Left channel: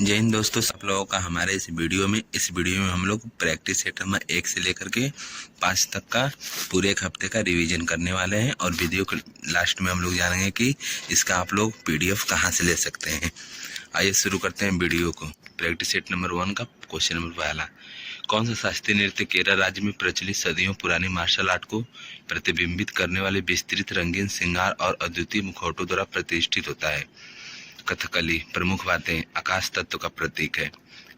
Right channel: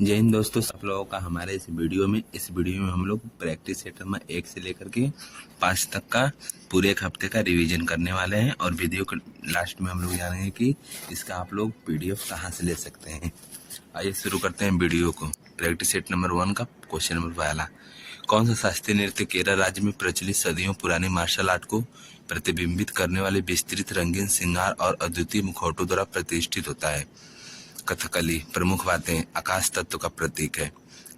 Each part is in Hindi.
जय हिंद दोस्तों, सब लोगों का हमारे इस वीडियो में हम लोग प्रैक्टिस सेट नंबर 1 से लेकर के 5 तक का पूरे एक हफ्ते का रिवीजन करने वाले हैं। और वीडियो के लास्ट में हम लोग जानेंगे कि इसका आप लोग पीडीएफ कहाँ से ले सकते हैं। आइए शुरू करते हैं वीडियो को। प्रैक्टिस सेट नंबर 1 का क्वेश्चन नंबर पहला, कौन सा शास्त्रीय नृत्य केरल राज्य में प्रचलित सदियों पुराने मार्शल आर्ट को प्रतिबिंबित करने वाले विस्तृत रंगीन श्रृंगार और अद्वितीय मुखौटों द्वारा प्रतिष्ठित होता है? कथकली। प्रमुख बातें, आकाश तत्व का प्रतीक है।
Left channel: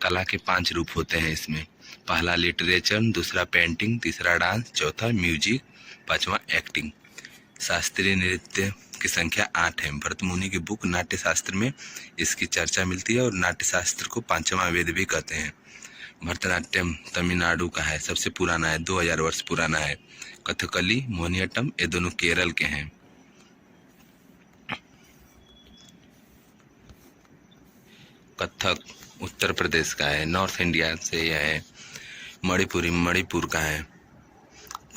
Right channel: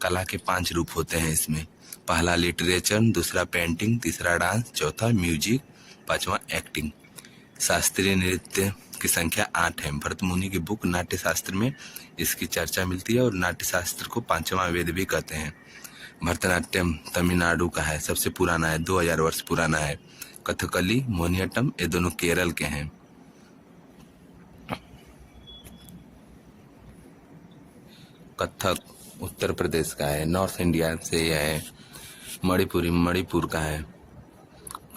कला के 5 रूप होते हैं इसमें। पहला लिटरेचर, दूसरा पेंटिंग, तीसरा डांस, चौथा म्यूजिक, पांचवा एक्टिंग। शास्त्रीय नृत्य की संख्या 8 है। भरत मुनि की बुक नाट्य शास्त्र में इसकी चर्चा मिलती है और नाट्य शास्त्र को 5वां वेद भी कहते हैं। भरतनाट्यम तमिलनाडु का है, सबसे पुराना है, 2000 वर्ष पुराना है। कथकली, मोहिनीअट्टम ये दोनों केरल के हैं। कथक उत्तर प्रदेश का है, नॉर्थ इंडिया से यह है। मणिपुरी मणिपुर का है।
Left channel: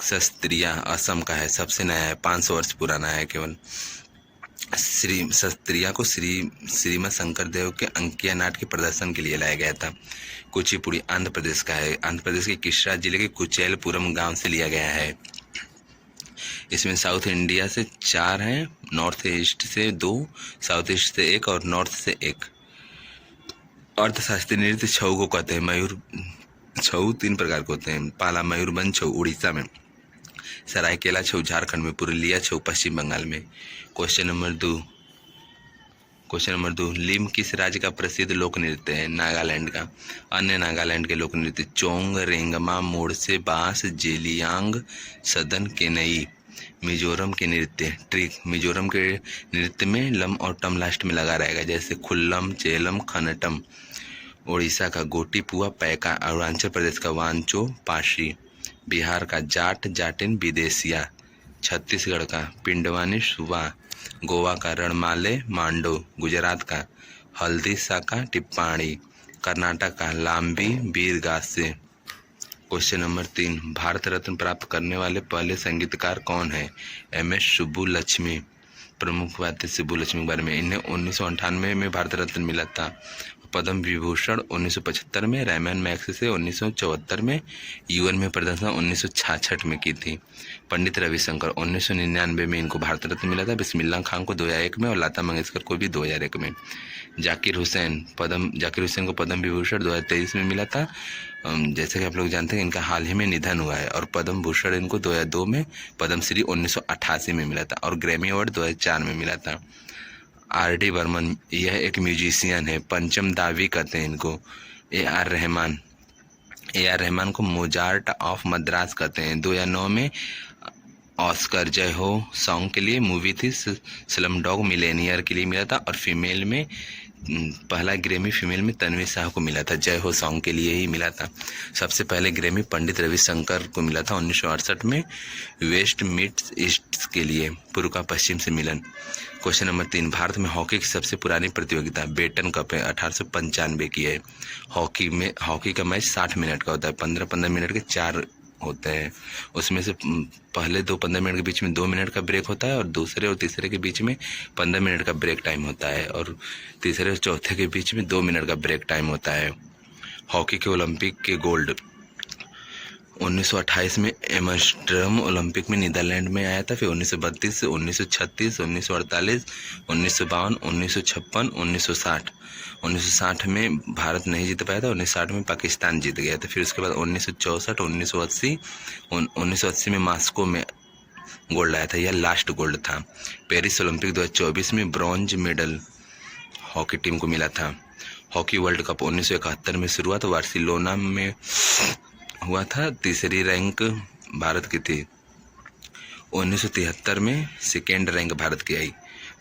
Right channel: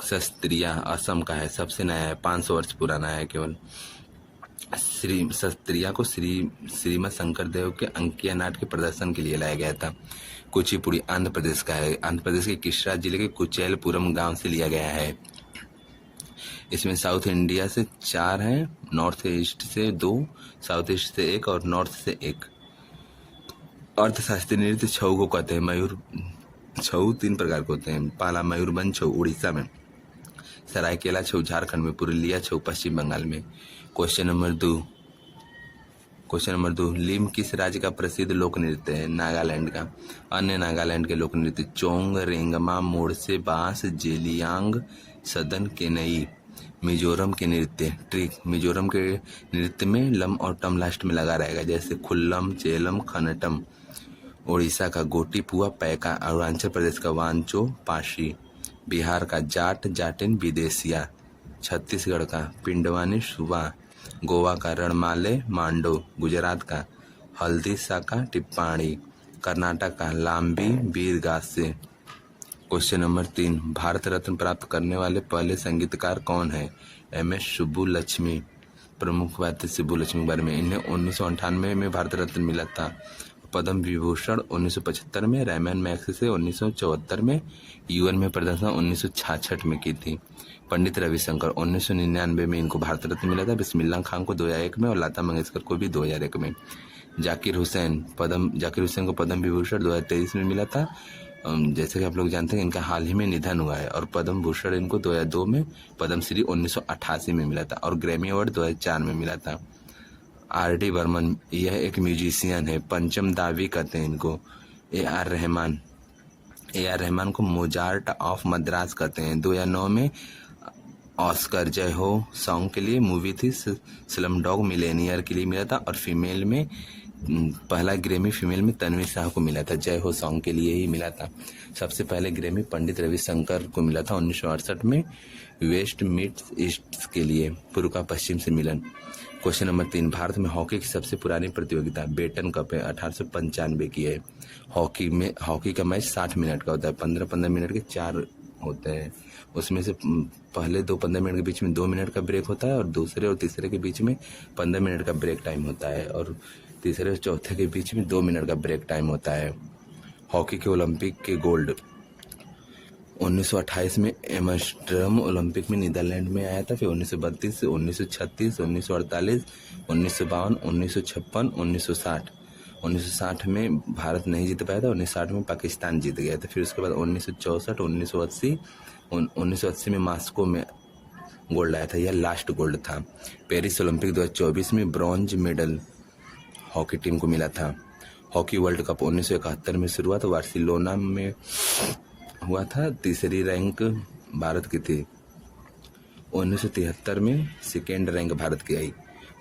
शस्त्रिया असम का है, सबसे नया है, 500 वर्ष पुराना है केवल। शस्त्रिया को श्रीमद शंकर देव के अंकिया नाट के प्रदर्शन के लिए लाया गया था। कुचिपुड़ी आंध्र प्रदेश का है, आंध्र प्रदेश के कृष्णा जिले के कुचेलपुरम गांव से लिया गया है। इसमें साउथ इंडिया से 4 हैं, नॉर्थ ईस्ट से 2, साउथ ईस्ट से 1 और नॉर्थ से 1। अर्थशास्त्री नृत्य छऊ को कहते हैं। मयूर छऊ 3 प्रकार के होते हैं। पहला मयूरभंज छऊ उड़ीसा में, सरायकेला छऊ झारखंड में, पुरुलिया छऊ पश्चिम बंगाल में। क्वेश्चन नंबर 2, लिम किस राज्य का प्रसिद्ध लोक नृत्य है? नागालैंड का। अन्य नागालैंड के लोक नृत्य चोंग, रेंगमा, मोड़से, बांस, जेलियांग, सदन, केनई। मिजोरम के नृत्य ट्रिक। मिजोरम के नृत्य में लम और टम लास्ट में लगा रहेगा, जैसे खुल्लम, चेलम, खनटम। उड़ीसा का गोटी पुआ पैका। अरुणाचल प्रदेश का वांचो पाशी। बिहार का जाट जाटिन विदेशिया। छत्तीसगढ़ का पिंडवानी सुबा। गोवा का रणमाले मांडो। गुजरात का हल्दी साका टिप्पाणी। कर्नाटक का लांबी बीरगासे। क्वेश्चन नंबर 3, भारत रत्न प्राप्त करने वाले पहले संगीतकार कौन है? MS सुब्बुलक्ष्मी। प्रमुख बातें सुब्बुलक्ष्मी के बारे में, इन्हें 1998 में भारत रत्न मिला था। पद्म विभूषण 1975 में, रैमन मैग्सेसे 1974 में, UN में प्रदर्शन 1966 में की थी। पंडित रविशंकर 1999 में इनको भारत रत्न मिला था। बिस्मिल्लाह खान को 2001 में और लता मंगेशकर को भी 2001 में। जाकिर हुसैन को पद्म विभूषण 2023 में मिला था। जैसे कि आप लोग जानते हैं इनका हाल ही में निधन हुआ है। और पद्म भूषण इनको 2002 में, पद्म श्री 1988 में मिला था और ग्रैमी अवार्ड 2004 में मिला था। RD बर्मन, यह एक म्यूजिशियन है, पंचम दावी कहते हैं इनको। AR रहमान को मोजार्ट ऑफ मद्रास कहते हैं। 2009 में ऑस्कर जय हो सॉन्ग के लिए मूवी थी स्लम डॉग मिलेनियर के लिए मिला था। और फीमेल में पहला ग्रैमी फीमेल में तन्वी शाह को मिला था, जय हो सॉन्ग के लिए ही मिला था। सबसे पहले ग्रैमी पंडित रविशंकर को मिला था 1968 में, वेस्ट मीट्स ईस्ट के लिए, पूर्व का पश्चिम से मिलन। क्वेश्चन नंबर 3, भारत में हॉकी की सबसे पुरानी प्रतियोगिता बेटन कप है, 1895 की है। हॉकी का मैच 60 मिनट का होता है, 15-15 मिनट के 4 होता है। उसमें से पहले 15 मिनट के बीच में 2 मिनट का ब्रेक होता है और दूसरे और तीसरे के बीच में 15 मिनट का ब्रेक टाइम होता है और तीसरे और चौथे के बीच में 2 मिनट का ब्रेक टाइम होता है। हॉकी के ओलंपिक के गोल्ड 1928 में एम्स्टर्डम ओलंपिक में नीदरलैंड में आया था। फिर 1932, 1936, 1948, 1952, 1956, 1960। 1960 में भारत नहीं जीत पाया था, 1960 में पाकिस्तान जीत गया था। फिर उसके बाद 1964, 1980 में मॉस्को में गोल्ड आया था, यह लास्ट गोल्ड था। पेरिस ओलंपिक 2024 में ब्रॉन्ज मेडल हॉकी टीम को मिला था। हॉकी वर्ल्ड कप 1971 में शुरुआत बार्सिलोना में हुआ था, तीसरी रैंक भारत की थी। 1973 में सेकेंड रैंक भारत की आई।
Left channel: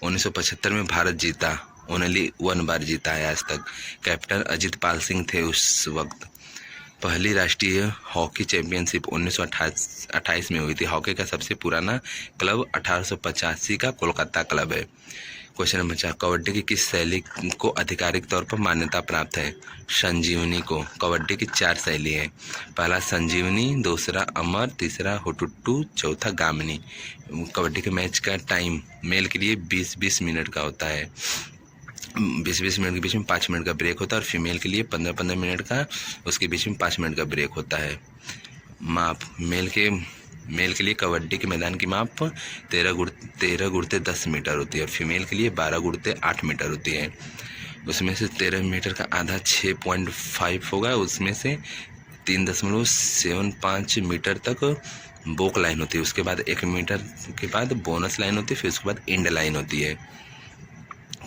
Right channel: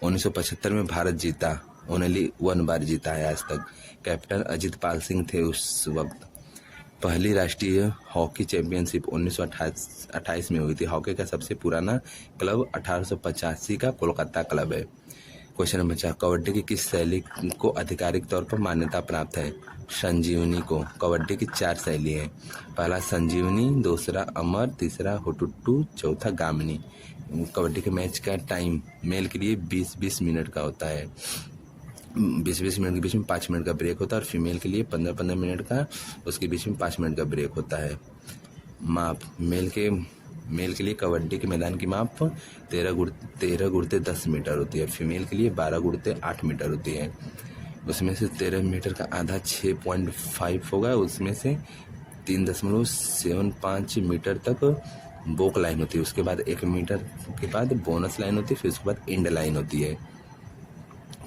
1975 में भारत जीता, ओनली 1 बार जीता है आज तक। कैप्टन अजित पाल सिंह थे उस वक्त। पहली राष्ट्रीय हॉकी चैंपियनशिप 1928 में हुई थी। हॉकी का सबसे पुराना क्लब 1885 का कोलकाता क्लब है। क्वेश्चन नंबर 4, कबड्डी की किस शैली को आधिकारिक तौर पर मान्यता प्राप्त है? संजीवनी को। कबड्डी की 4 शैली है। पहला संजीवनी, दूसरा अमर, तीसरा हुटुट्टू, चौथा गामिनी। कबड्डी के मैच का टाइम मेल के लिए 20-20 मिनट का होता है। 20-20 मिनट के बीच में 5 मिनट का ब्रेक होता है, और फीमेल के लिए 15-15 मिनट का, उसके बीच में 5 मिनट का ब्रेक होता है। माप मेल के लिए कबड्डी के मैदान की माप 13 गुणते 10 मीटर होती है, और फीमेल के लिए 12 गुणते 8 मीटर होती है। उसमें से 13 मीटर का आधा 6.5 होगा, उसमें से 3.75 मीटर तक बोक लाइन होती है, उसके बाद 1 मीटर के बाद बोनस लाइन होती है, फिर उसके बाद एंड लाइन होती है।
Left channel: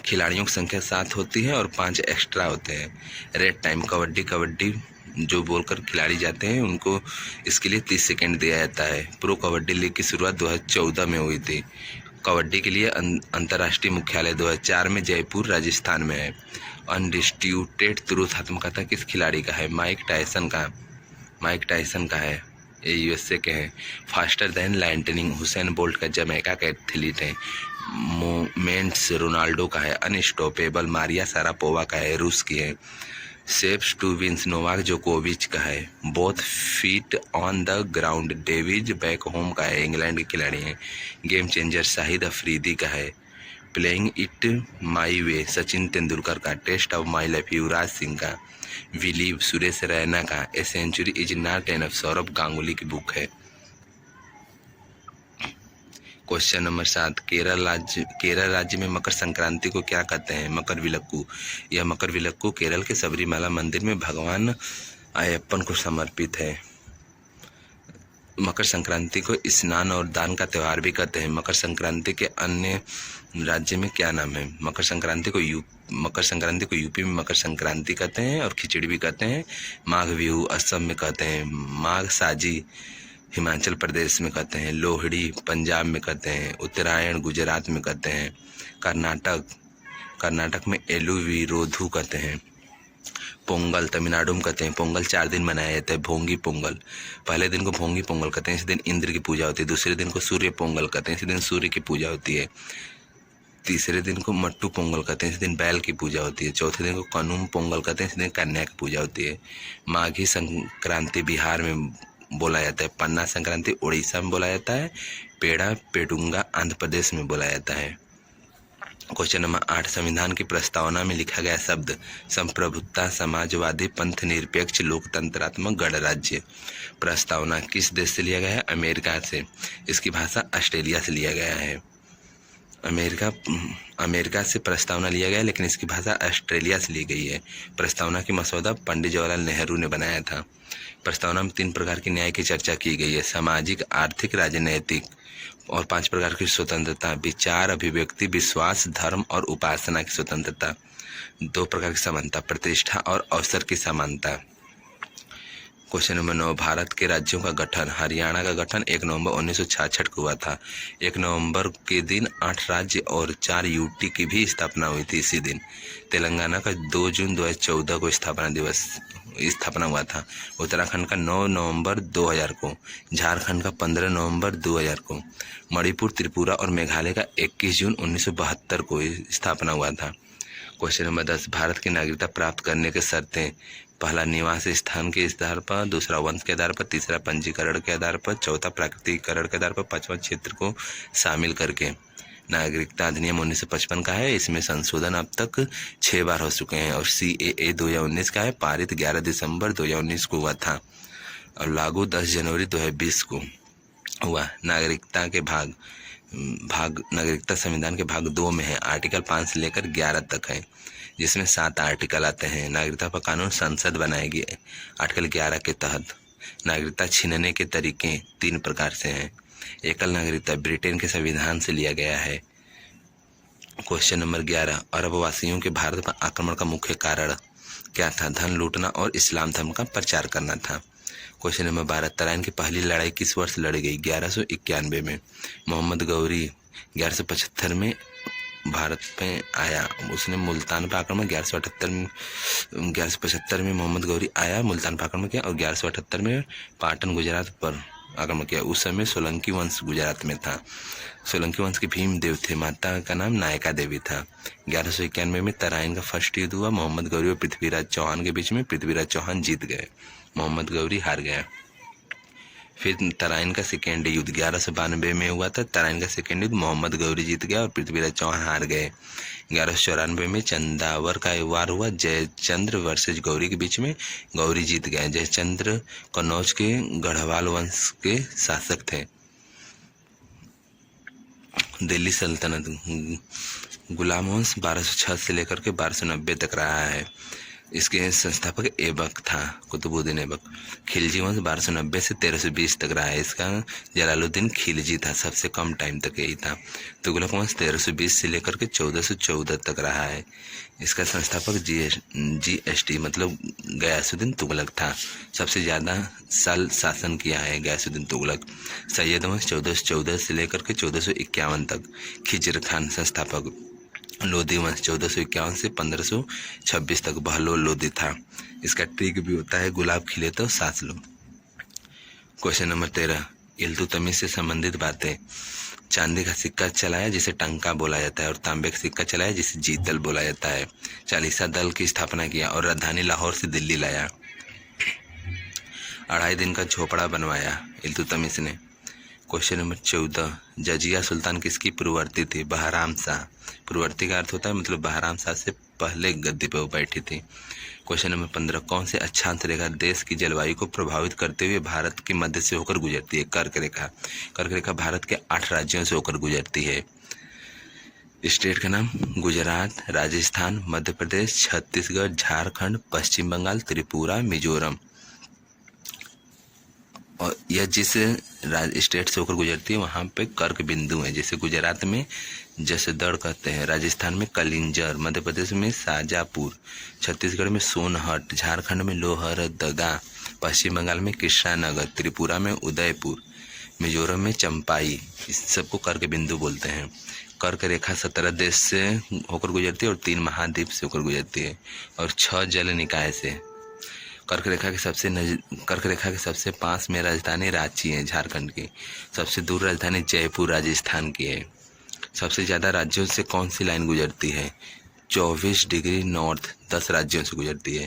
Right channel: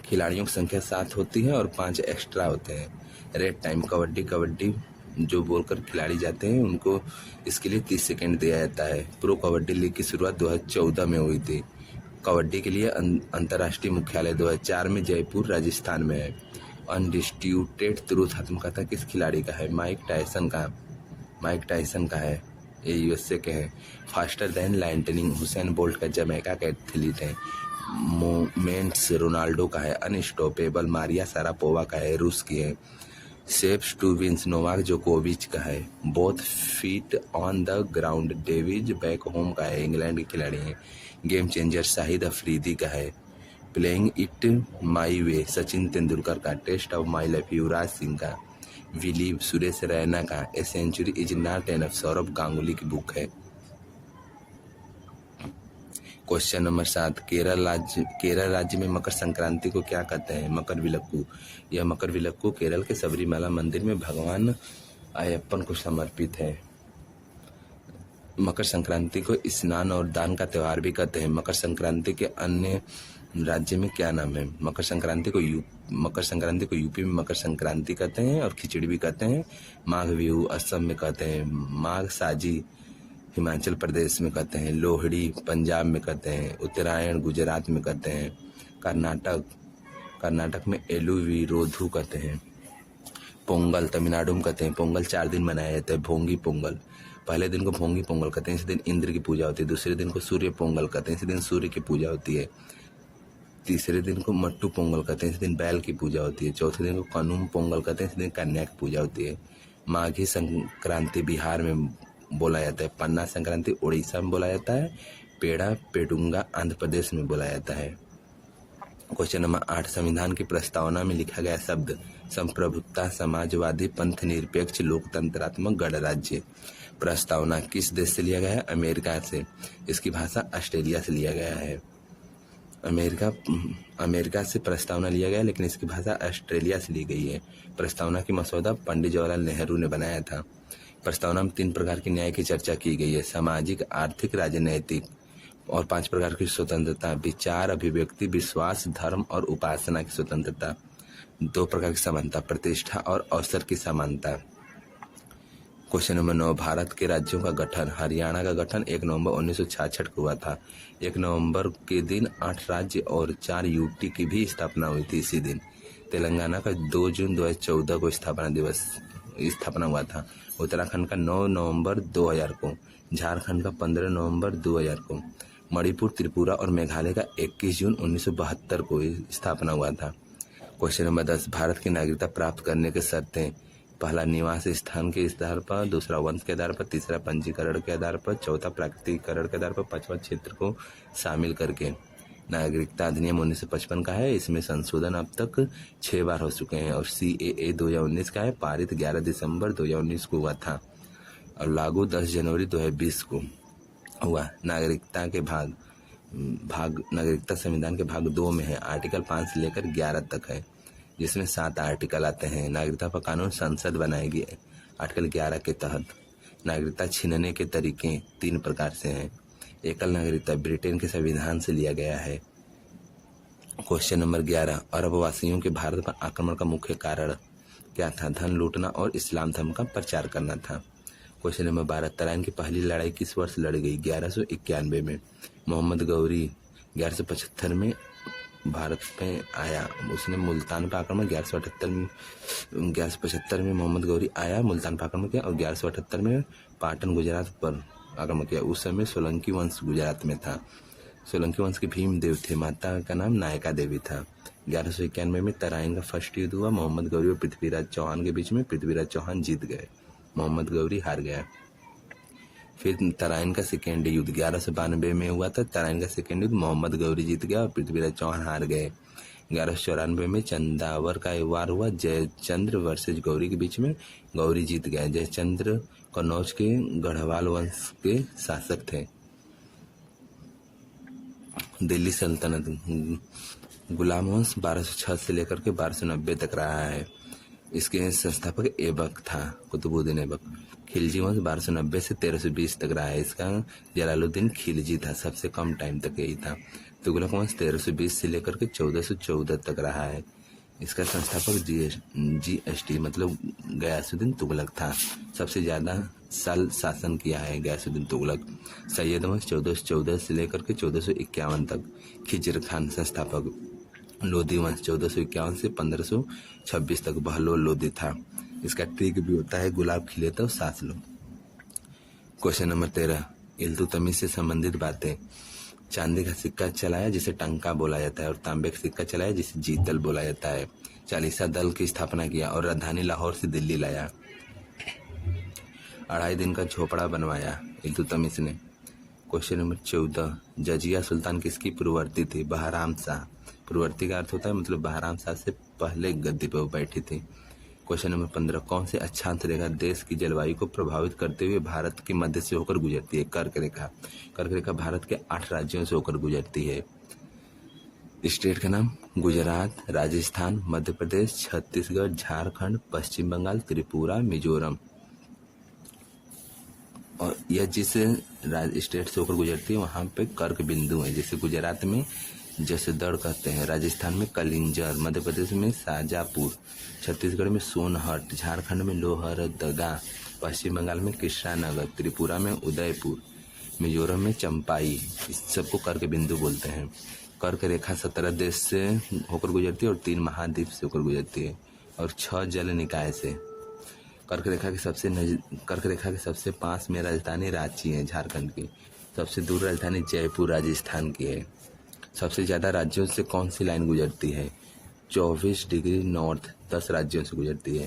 खिलाड़ियों की संख्या 7 होती है और 5 एक्स्ट्रा होते हैं। रेड टाइम कबड्डी जो बोलकर खिलाड़ी जाते हैं उनको इसके लिए 30 सेकेंड दिया जाता है। प्रो कबड्डी लीग की शुरुआत 2014 में हुई थी। कबड्डी के लिए अंतर्राष्ट्रीय मुख्यालय 2004 में जयपुर राजस्थान में है। अनडिस्प्यूटेड ट्रूथ आत्मकथा किस खिलाड़ी का है? माइक टायसन का है, ये यूएसए के हैं। Faster than lightning Usain Bolt का जमैका का एथलीट है। मोमेंट्स रोनाल्डो का है। अनस्टॉपेबल मारिया सारापोवा का है, रूस की है। सेव्स टू विंस नोवाक जोकोविच का है। Both feet on the ground David Beckham का है, इंग्लैंड के खिलाड़ी हैं। गेम चेंजर शाहिद अफरीदी का है। Playing it my way Sachin Tendulkar का। Test of my life Yuvraj Singh का। विलीव सुरेश रैना का। A century is not enough Sourav Ganguly की बुक है। क्वेश्चन नंबर 7, केरल राज्य में मकर संक्रांति को क्या कहते हैं? मकर विलक्कू। यह मकर विलक्कू केरल के सबरीमाला मंदिर में भगवान अयप्पन को समर्पित है। मकर संक्रांति को स्नान और दान का त्यौहार भी कहते हैं। मकर संक्रांति के अन्य राज्य में क्या नाम है? मकर संक्रांति को यूपी में मकर संक्रांति कहते हैं और खिचड़ी भी कहते हैं। माघ बिहू असम में कहते हैं। माघ साजी हिमाचल प्रदेश में कहते हैं। लोहड़ी पंजाब में कहते हैं। उत्तरायण गुजरात में कहते हैं। कर्नाटक में एलुविरोधु कहते हैं। पोंगल तमिलनाडु में कहते हैं। पोंगल 4 दिन मनाया जाता है। भोंगी पोंगल, पहले दिन को भोंगी पोंगल कहते हैं, इस दिन इंद्र की पूजा होती है। दूसरे दिन को सूर्य पोंगल कहते हैं, इस दिन सूर्य की पूजा होती है। तीसरे दिन को मट्टू पोंगल कहते हैं, इस दिन बैल की पूजा होती है। चौथे दिन को कनुम पोंगल कहते हैं, इस दिन कन्या की पूजा होती है। माघी संक्रांति बिहार में बोला जाता है। पन्ना संक्रांति उड़ीसा में बोला जाता है। पेड़ा पेडुंगा आंध्र प्रदेश में बोला जाता है। क्वेश्चन नंबर 8, संविधान की प्रस्तावना में लिखा गया शब्द संप्रभुता, समाजवादी, पंथ निरपेक्ष, लोकतंत्रात्मक गणराज्य। प्रस्तावना किस देश से लिया गया है? अमेरिका से। इसकी भाषा ऑस्ट्रेलिया से लिया गया है। अमेरिका से प्रस्तावना लिया गया है, लेकिन इसकी भाषा ऑस्ट्रेलिया से ली गई है। प्रस्तावना की मसौदा पंडित जवाहरलाल नेहरू ने बनाया था। प्रस्तावना में 3 प्रकार की न्याय की चर्चा की गई है। सामाजिक, आर्थिक, राजनैतिक। और 5 प्रकार की स्वतंत्रता, विचार, अभिव्यक्ति, विश्वास, धर्म और उपासना की स्वतंत्रता। 2 प्रकार की समानता, प्रतिष्ठा और अवसर की समानता। क्वेश्चन नंबर 9, भारत के राज्यों का गठन। हरियाणा का गठन 1 नवंबर 1966 को हुआ था। 1 नवंबर के दिन 8 राज्य और 4 यूटी की भी स्थापना हुई थी इसी दिन। तेलंगाना का 2 जून 2014 को स्थापना हुआ था। उत्तराखंड का 9 नवंबर 2000 को। झारखंड का 15 नवंबर 2000 को। मणिपुर, त्रिपुरा और मेघालय का 21 जून 1972 को स्थापना हुआ था। क्वेश्चन नंबर 10, भारत की नागरिकता प्राप्त करने के शर्तें। पहला, निवास स्थान के आधार पर। दूसरा, वंश के आधार पर। तीसरा, पंजीकरण के आधार पर। चौथा, प्राकृतिकरण के आधार पर। 5वां, क्षेत्र को शामिल करके। नागरिकता अधिनियम 1955 का है। इसमें संशोधन अब तक 6 बार हो चुके हैं। और CAA 2019 का है, पारित 11 दिसंबर 2019 को हुआ था और लागू 10 जनवरी 2020 को हुआ। नागरिकता के नागरिकता संविधान के भाग 2 में है। आर्टिकल 5 से लेकर 11 तक है, जिसमें 7 आर्टिकल आते हैं। नागरिकता पर कानून संसद बनाएगी आर्टिकल 11 के तहत। नागरिकता छीनने के तरीके 3 प्रकार से हैं। एकल नागरिकता ब्रिटेन के संविधान से लिया गया है। क्वेश्चन नंबर 11, अरब वासियों के भारत पर आक्रमण का मुख्य कारण क्या था? धन लूटना और इस्लाम धर्म का प्रचार करना था। क्वेश्चन नंबर 12, तराइन की पहली लड़ाई किस वर्ष लड़ी गई? 1191 में। मोहम्मद गौरी 1175 में भारत पे आया, उसने मुल्तान पर आक्रमण 1175 में मोहम्मद गौरी आया, मुल्तान पर आक्रमण किया और 1178 में पाटन गुजरात पर आक्रमण किया। उस समय सोलंकी वंश गुजरात में था। सोलंकी वंश के भीम देव थे, माता का नाम नायका देवी था। 1191 में तराइन का फर्स्ट युद्ध हुआ। मोहम्मद गौरी और पृथ्वीराज चौहान के बीच में। पृथ्वीराज चौहान जीत गए, मोहम्मद गौरी हार गया। फिर तराइन का सेकेंड युद्ध 1192 में हुआ था। तराइन का सेकेंड युद्ध मोहम्मद गौरी जीत गया और पृथ्वीराज चौहान हार गए। 1194 में चंदावर का वार हुआ जयचंद्र वर्सेज गौरी के बीच में। गौरी जीत गए। जयचंद्र कन्नौज के गढ़वाल वंश के शासक थे। दिल्ली सल्तनत गुलाम वंश 1206 से लेकर के 1290 तक रहा है। इसके संस्थापक ऐबक था, कुतुबुद्दीन ऐबक। खिलजी वंश 1290 से 1320 तक रहा है। इसका जलालुद्दीन खिलजी था, सबसे कम टाइम तक यही था। तुगलक वंश 1320 से लेकर के 1414 तक रहा है। इसका संस्थापक GST मतलब गयासुद्दीन तुगलक था। सबसे ज़्यादा साल शासन किया है गयासुद्दीन तुगलक। सैयद वंश 1414 से लेकर के 1451 तक। खिजर खान संस्थापक। लोधी वंश 1451 से 1526 तक। बहलोल लोधी था। इसका ट्रिक भी होता है गुलाब खिले तो सांस लो। क्वेश्चन नंबर 13, इल्तुतमिश से संबंधित बातें। चांदी का सिक्का चलाया जिसे टंका बोला जाता है और तांबे का सिक्का चलाया जिसे जीतल बोला जाता है। चालीसा दल की स्थापना किया और राजधानी लाहौर से दिल्ली लाया। 2.5 दिन का झोपड़ा बनवाया इल्तुतमिश ने। क्वेश्चन नंबर 14, जजिया सुल्तान किसकी पूर्ववर्ती थी? बहराम शाह। पूर्ववर्ती का अर्थ होता है मतलब बहराम शाह से पहले गद्दी पर वो बैठी थी। क्वेश्चन नंबर 15, कौन से अक्षांश रेखा देश की जलवायु को प्रभावित करते हुए भारत के मध्य से होकर गुजरती है? कर्क रेखा। कर्क रेखा भारत के 8 राज्यों से होकर गुजरती है। स्टेट का नाम गुजरात, राजस्थान, मध्य प्रदेश, छत्तीसगढ़, झारखंड, पश्चिम बंगाल, त्रिपुरा, मिजोरम। और यह जिस स्टेट से होकर गुजरती है वहाँ पे कर्क बिंदु है। जैसे गुजरात में जसदड़ कहते हैं, राजस्थान में कलिंजर, मध्य प्रदेश में शाजापुर, छत्तीसगढ़ में सोनहट, झारखंड में लोहरदगा, पश्चिम बंगाल में कृष्णानगर, त्रिपुरा में उदयपुर, मिजोरम में चंपाई। इस सबको कर्क बिंदु बोलते हैं। कर्क रेखा 17 देश से होकर गुजरती है और 3 महाद्वीप से होकर गुजरती है और 6 जल निकाय से। कर्क रेखा के सबसे पास में राजधानी रांची है झारखंड की। सबसे दूर राजधानी जयपुर राजस्थान की है। सबसे ज़्यादा राज्यों से कौन सी लाइन गुजरती है? 24 डिग्री नॉर्थ 10 राज्यों से गुजरती है।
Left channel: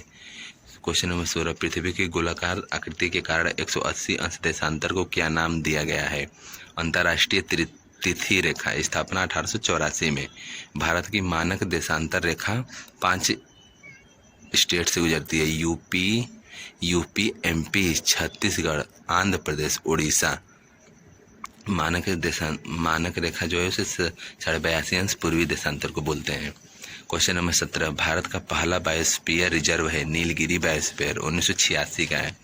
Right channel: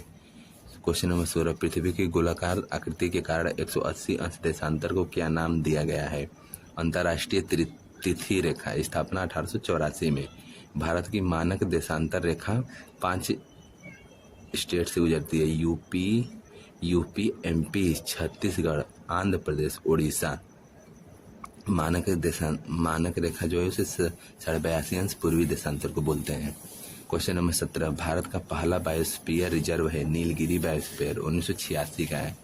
क्वेश्चन नंबर 16, पृथ्वी की गोलाकार आकृति के कारण 180 अंश देशांतर को क्या नाम दिया गया है? अंतर्राष्ट्रीय तिथि रेखा। स्थापना 1884 में। भारत की मानक देशांतर रेखा 5 स्टेट से गुजरती है। UP, MP, Chhattisgarh, Andhra Pradesh, Orissa. मानक रेखा जो है उसे 82.5 अंश पूर्वी देशांतर को बोलते हैं। क्वेश्चन नंबर 17, भारत का पहला बायोस्फीयर रिजर्व है नीलगिरी बायोस्फीयर, 1986 का है।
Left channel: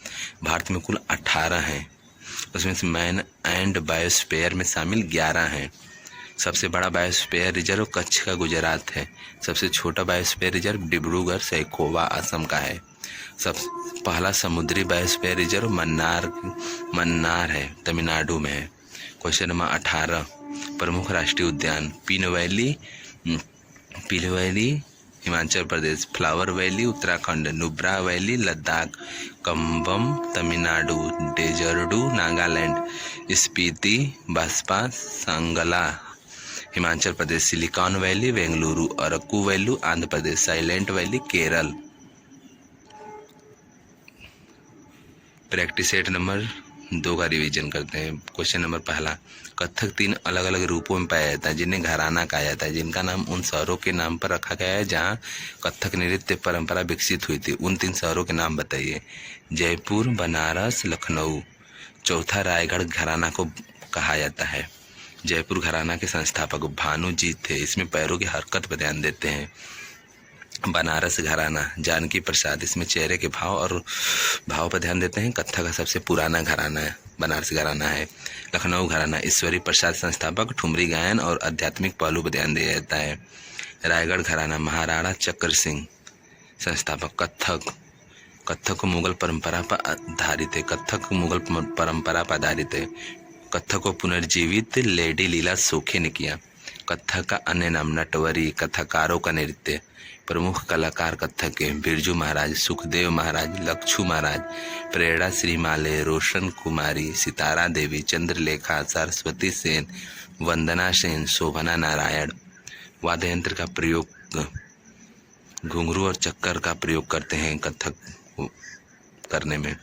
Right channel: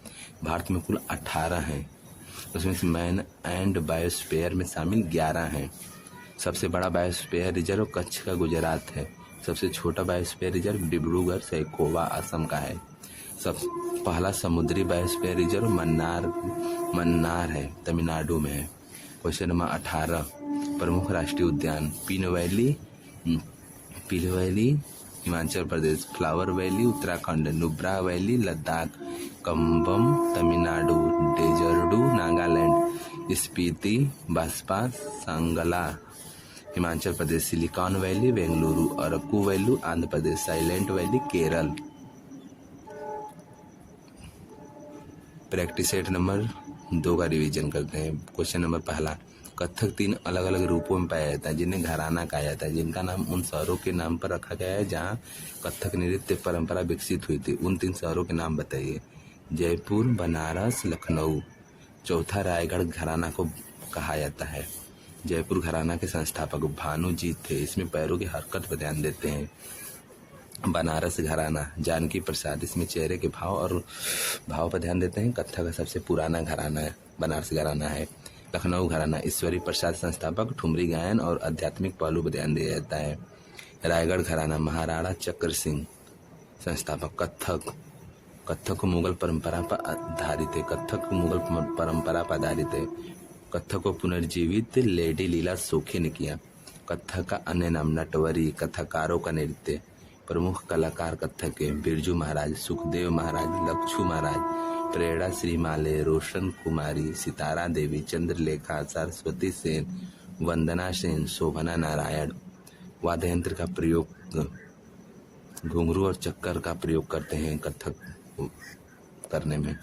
भारत में कुल 18 हैं, उसमें से मैन एंड बायोस्फीयर में शामिल 11 हैं। सबसे बड़ा बायोस्फीयर रिजर्व कच्छ का गुजरात है। सबसे छोटा बायोस्फीयर रिजर्व डिब्रूगढ़ सैकोवा असम का है। सब पहला समुद्री बायोस्फीयर रिजर्व मन्नार है, तमिलनाडु में है। क्वेश्चन नंबर 18, प्रमुख राष्ट्रीय उद्यान। पील valley Himachal Pradesh, flower valley Uttarakhand, Nubra valley Ladakh, Cumbum Tamil Nadu, डेजर्डू Nagaland, Spiti Baspa Sangla Himachal Pradesh, silicon valley Bengaluru, Araku valley Andhra Pradesh, silent valley Kerala. Practice set number 2 का रिवीजन करते हैं। क्वेश्चन नंबर 1, कथक 3 अलग अलग रूपों में पाया जाता है जिन्हें घराना कहा जाता है, जिनका नाम उन शहरों के नाम पर रखा गया है जहाँ कथक नृत्य परंपरा विकसित हुई थी। उन 3 शहरों के नाम बताइए। जयपुर, बनारस, लखनऊ। चौथा रायगढ़ घराना को कहा जाता है। जयपुर घराना के संस्थापक भानुजीत थे, इसमें पैरों की हरकत पर ध्यान देते हैं। बनारस घराना जानकी प्रसाद, इसमें चेहरे के भाव पर ध्यान देते हैं। कथक का सबसे पुराना घराना है बनारस घराना है। लखनऊ घराना ईश्वरी प्रसाद संस्थापक, ठुमरी गायन और आध्यात्मिक पहलू पर ध्यान दिया जाता है। रायगढ़ घराना महाराणा चक्र सिंह संस्थापक। कथक मुगल परंपरा पर आधारित है। कथक मुगल परंपरा पर आधारित है। कथक को पुनर्जीवित लेडी लीला सोखे ने किया। कथक का अन्य नाम नटवरी, कथकारों का नृत्य। प्रमुख कलाकार कथक के बिरजू महाराज, सुखदेव महाराज, लक्षू महाराज, प्रेरणा श्री माले, रोशन कुमारी, सितारा देवी, चंद्रलेखा, सरस्वती सेन, वंदना सेन, शोभना नारायण। वाद्य यंत्र का प्रयोग घुंघरू और चक्कर का प्रयोग करते हैं कथक करने में।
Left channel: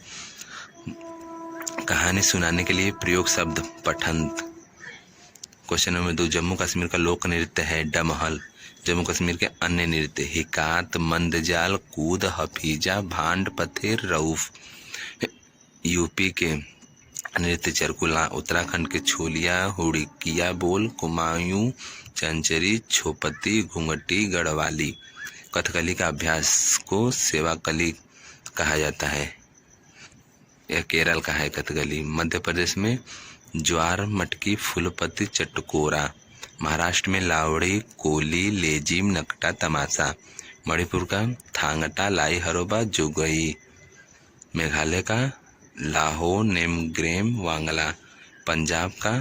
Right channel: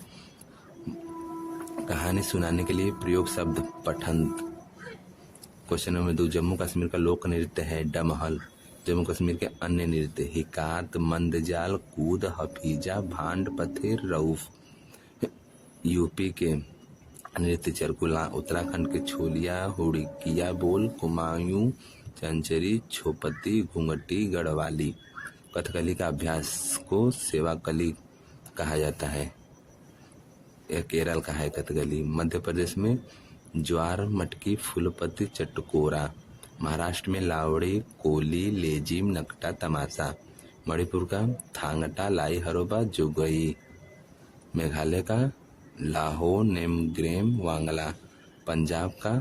कहानी सुनाने के लिए प्रयोग शब्द पठंत। क्वेश्चन नंबर 2, जम्मू कश्मीर का लोक नृत्य है डमहल। जम्मू कश्मीर के अन्य नृत्य हिकात, मंदजाल, कूद, हफीजा, भांड, पथेर, रऊफ। यूपी के नृत्य चरकुला, उत्तराखंड के छोलिया, हुड़किया बोल, कुमायूं, चंचरी, छोपती, घुंघटी, गढ़वाली। कथकली का अभ्यास को सेवाकली कहा जाता है। यह केरल का है कथकली। मध्य प्रदेश में ज्वार, मटकी, फूलपति, चटकोरा। महाराष्ट्र में लावड़ी, कोली, लेजिम, नकटा, तमाशा। मणिपुर का थांगटा, लाई हरोबा, जुगई। मेघालय का लाहो, नेमग्रेम, वांगला। पंजाब का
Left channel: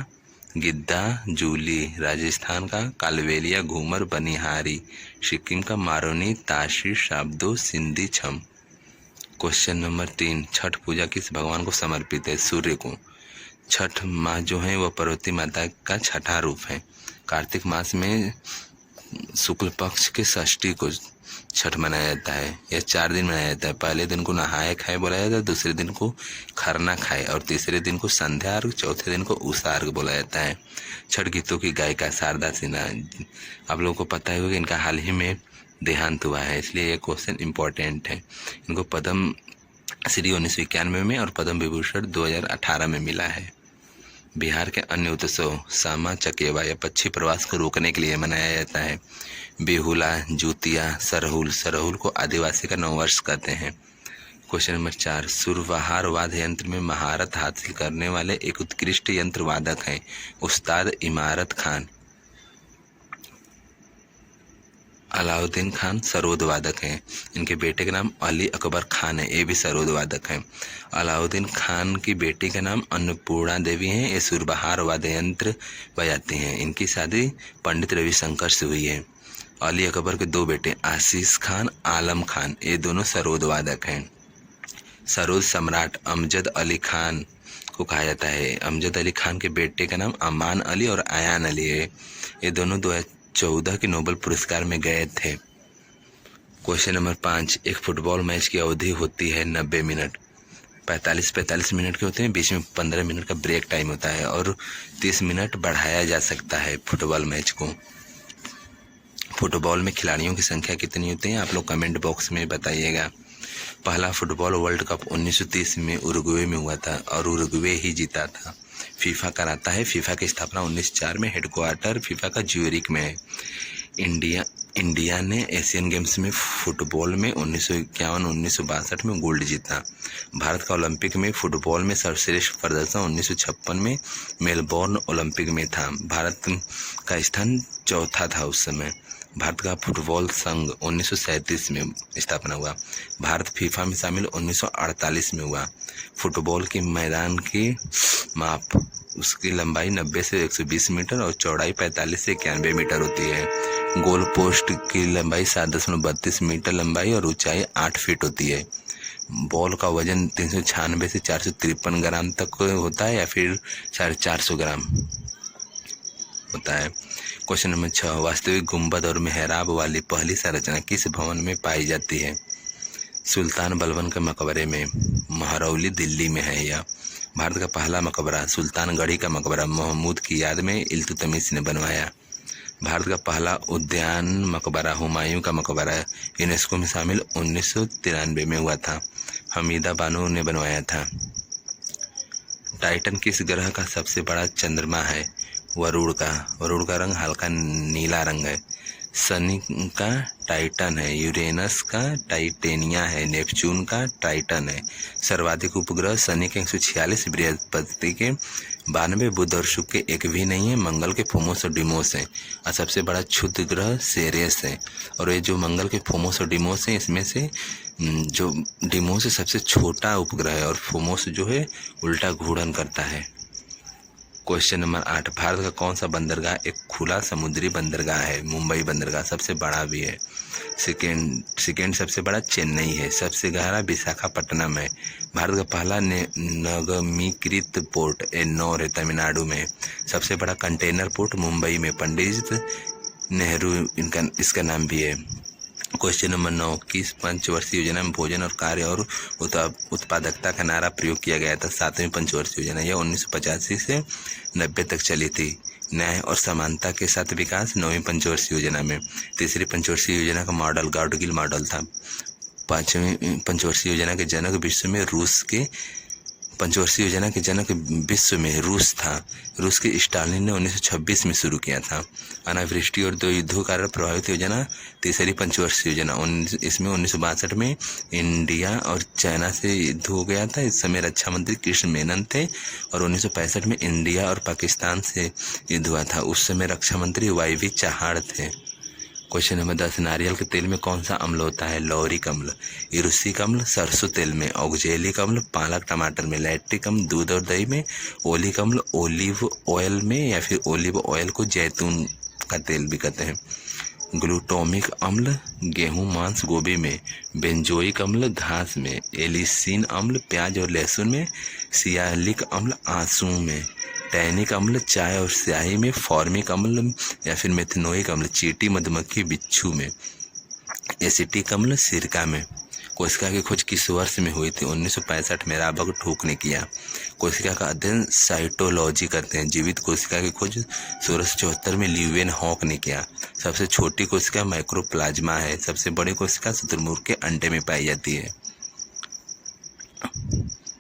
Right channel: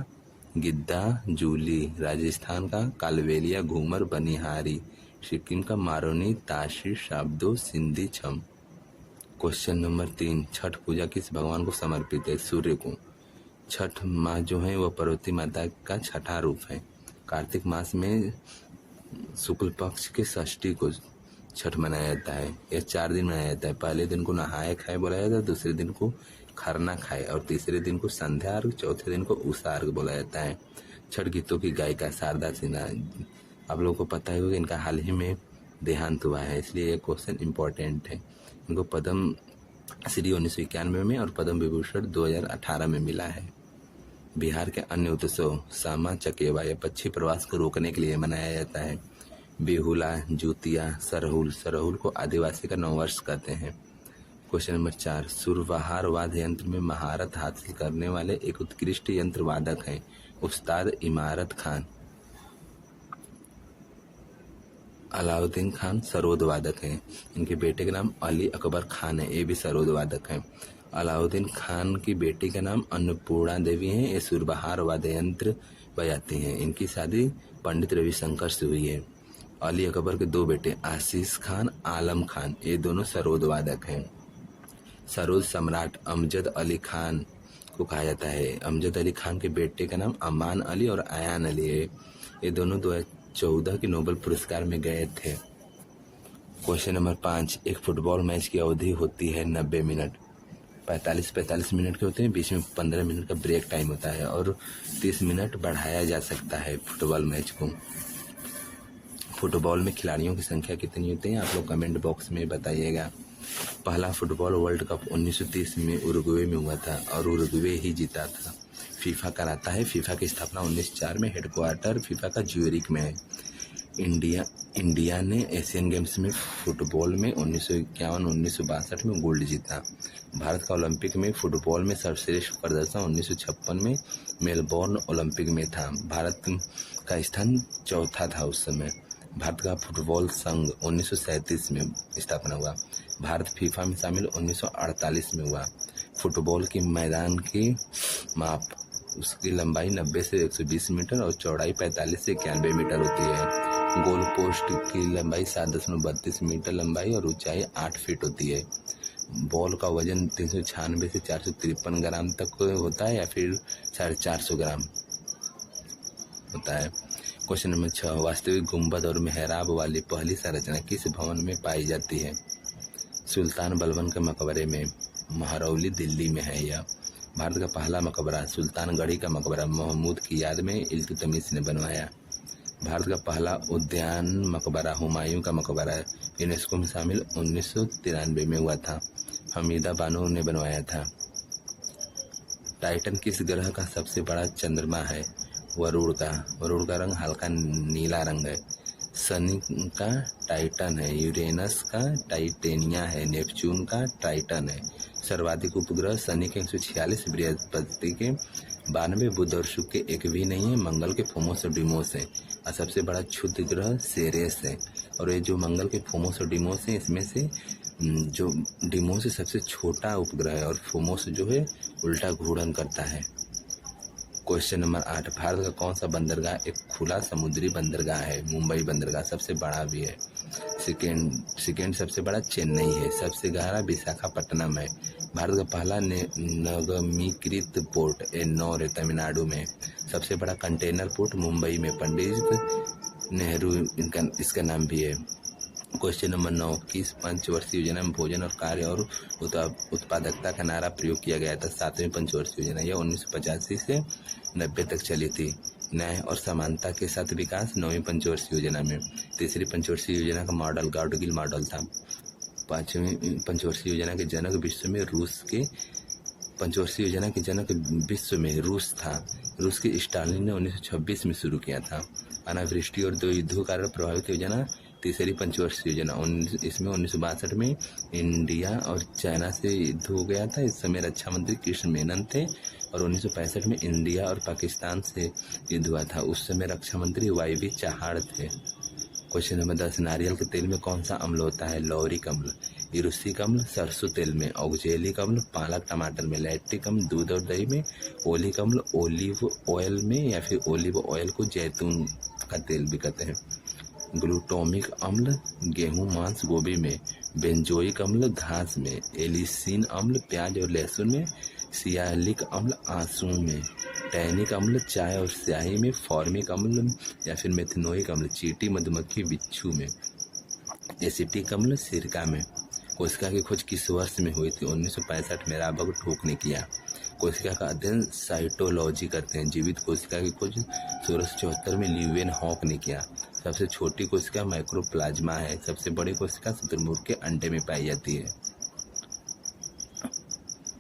गिद्दा, जूली। राजस्थान का कालबेलिया, घूमर, बनिहारी। सिक्किम का मारोनी, ताशी, शाब्दो, सिंधी, छम। क्वेश्चन नंबर 3, छठ पूजा किस भगवान को समर्पित है? सूर्य को। छठ माह जो है वह पार्वती माता का छठा रूप है। कार्तिक मास में शुक्ल पक्ष के षष्ठी को छठ मनाया जाता है। यह 4 दिन मनाया जाता है। पहले दिन को नहाए खाए बोला जाता है, दूसरे दिन को खरना खाए और तीसरे दिन को संध्या अर्घ, चौथे दिन को उषा अर्घ बोला जाता है। छठ गीतों की गायिका शारदा सिन्हा। आप लोगों को पता है कि इनका हाल ही में देहांत हुआ है, इसलिए यह क्वेश्चन इम्पोर्टेंट है। इनको पद्म श्री 1991 में और पद्म विभूषण 2018 में मिला है। बिहार के अन्य उत्सव सामा चकेवा या पक्षी प्रवास को रोकने के लिए मनाया जाता है। बेहुला, जूतिया, सरहुल। सरहुल को आदिवासी का नववर्ष कहते हैं। क्वेश्चन नंबर 4, सुरबहार वाद्य यंत्र में महारत हासिल करने वाले एक उत्कृष्ट यंत्र वादक हैं उस्ताद इमारत खान। अलाउद्दीन खान सरोद वादक हैं। इनके बेटे का नाम अली अकबर खान है, ये भी सरोद वादक हैं। अलाउद्दीन खान की बेटी का नाम अन्नपूर्णा देवी है, ये सुरबहार वाद्य यंत्र बजाती हैं। इनकी शादी पंडित रविशंकर से हुई है। अली अकबर के 2 बेटे आशीष खान, आलम खान, ये दोनों सरोद वादक हैं। सरोद सम्राट अमजद अली खान को कहा जाता है। अमजद अली खान के बेटे का नाम अमान अली और आयान अली है। ये दोनों 2014 के नोबेल पुरस्कार में गए थे। क्वेश्चन नंबर 5, एक फुटबॉल मैच की अवधि होती है 90 मिनट। 45 मिनट के होते हैं, बीच में 15 मिनट का ब्रेक टाइम होता है और 30 मिनट बढ़ाया जा सकता है फुटबॉल मैच को। फुटबॉल में खिलाड़ियों की संख्या कितनी होती है? आप लोग कमेंट बॉक्स में बताइएगा। पहला फुटबॉल वर्ल्ड कप 1930 में उरुग्वे में हुआ था और उरुग्वे ही जीता था। फीफा कराता है। फीफा की स्थापना 1904 में, हेडक्वार्टर फीफा का ज्यूरिक में है। इंडिया ने एशियन गेम्स में फुटबॉल में 1951, 1962 में गोल्ड जीता। भारत का ओलंपिक में फुटबॉल में सर्वश्रेष्ठ प्रदर्शन 1956 में मेलबोर्न ओलंपिक में था। भारत का स्थान चौथा था उस समय। भारत का फुटबॉल संघ 1937 में स्थापना हुआ। भारत फीफा में शामिल 1948 में हुआ। फुटबॉल के मैदान की माप, उसकी लंबाई 90 से 120 मीटर और चौड़ाई 45 से 91 मीटर होती है। गोल पोस्ट की लंबाई 7.32 मीटर लंबाई और ऊंचाई 8 फीट होती है। बॉल का वजन 396 से 453 ग्राम तक होता है या फिर 450 ग्राम होता है। क्वेश्चन नंबर 6, वास्तविक गुंबद और मेहराब वाली पहली संरचना किस भवन में पाई जाती है? सुल्तान बलबन के मकबरे में, महरौली दिल्ली में है यह। भारत का पहला मकबरा सुल्तानगढ़ी का मकबरा महमूद की याद में इल्तुतमिश ने बनवाया। भारत का पहला उद्यान मकबरा हुमायूं का मकबरा यूनेस्को में शामिल 1993 में हुआ था। हमीदा बानो ने बनवाया था। टाइटन किस ग्रह का सबसे बड़ा चंद्रमा है? वरुण का रंग हल्का नीला रंग है। शनि का टाइटन है। यूरेनस का टाइटेनिया है। नेपच्यून का टाइटन है। सर्वाधिक उपग्रह शनि के 146, बृहस्पति के 92, बुध और शुक्र के एक भी नहीं है। मंगल के फोमोस और डिमोस है और सबसे बड़ा क्षुद्र ग्रह सेरेस है। और ये जो मंगल के फोमोस और डिमोस है, इसमें से जो डिमोस है सबसे छोटा उपग्रह है और फोमोस जो है उल्टा घूर्णन करता है। क्वेश्चन नंबर 8, भारत का कौन सा बंदरगाह एक खुला समुद्री बंदरगाह है? मुंबई बंदरगाह सबसे बड़ा भी है। सेकेंड सबसे बड़ा चेन्नई है। सबसे गहरा विशाखापट्टनम है। भारत का पहला नगमीकृत पोर्ट एन्नौर है, तमिलनाडु में। सबसे बड़ा कंटेनर पोर्ट मुंबई में, पंडित नेहरू इसका नाम भी है। क्वेश्चन नंबर 9, किस पंचवर्षीय योजना में भोजन और कार्य और उत्पादकता का नारा प्रयोग किया गया था? 7वीं पंचवर्षीय योजना, यह 1985 से 90 तक चली थी। न्याय और समानता के साथ विकास 9वीं पंचवर्षीय योजना में। तीसरी पंचवर्षीय योजना का मॉडल गाउडगिल मॉडल था। 5वीं पंचवर्षीय योजना के जनक विश्व में रूस के पंचवर्षीय योजना के जनक विश्व में रूस था। रूस के स्टालिन ने 1926 में शुरू किया था। अनावृष्टि और 2 युद्धों कारण प्रभावित योजना तीसरी पंचवर्षीय योजना, इसमें 1962 में इंडिया और चाइना से युद्ध हो गया था। इस समय रक्षा मंत्री कृष्ण मेनन थे और 1965 में इंडिया और पाकिस्तान से युद्ध हुआ था। उस समय रक्षा मंत्री वाई.वी. चाहाड़ थे। क्वेश्चन नंबर 10, नारियल के तेल में कौन सा अम्ल होता है? लॉरिक अम्ल। इरुसिक अम्ल सरसों तेल में। ऑक्जेलिक अम्ल पालक टमाटर में। लैक्टिक अम्ल दूध और दही में। ओलिक अम्ल ओलिव ऑयल में, या फिर ओलिव ऑयल को जैतून का तेल भी कहते हैं। ग्लूटामिक अम्ल गेहूं मांस गोभी में। बेंजोइक अम्ल घास में। एलिसिन अम्ल प्याज और लहसुन में। सियालिक अम्ल आंसू में। टैनिक अम्ल चाय और स्याही में। फॉर्मिक अम्ल या फिर मेथनोइक अम्ल चींटी मधुमक्खी बिच्छू में। एसिटिक अम्ल सिरका में। कोशिका की खोज किस वर्ष में हुई थी? 1965 में राबर्ट ने किया। कोशिका का अध्ययन साइटोलॉजी करते हैं। जीवित कोशिका की खोज 1674 में ल्यूवेन हॉक ने किया। सबसे छोटी कोशिका माइक्रोप्लाज्मा है। सबसे बड़ी कोशिका शुतुरमुर्ग के अंडे में पाई जाती है।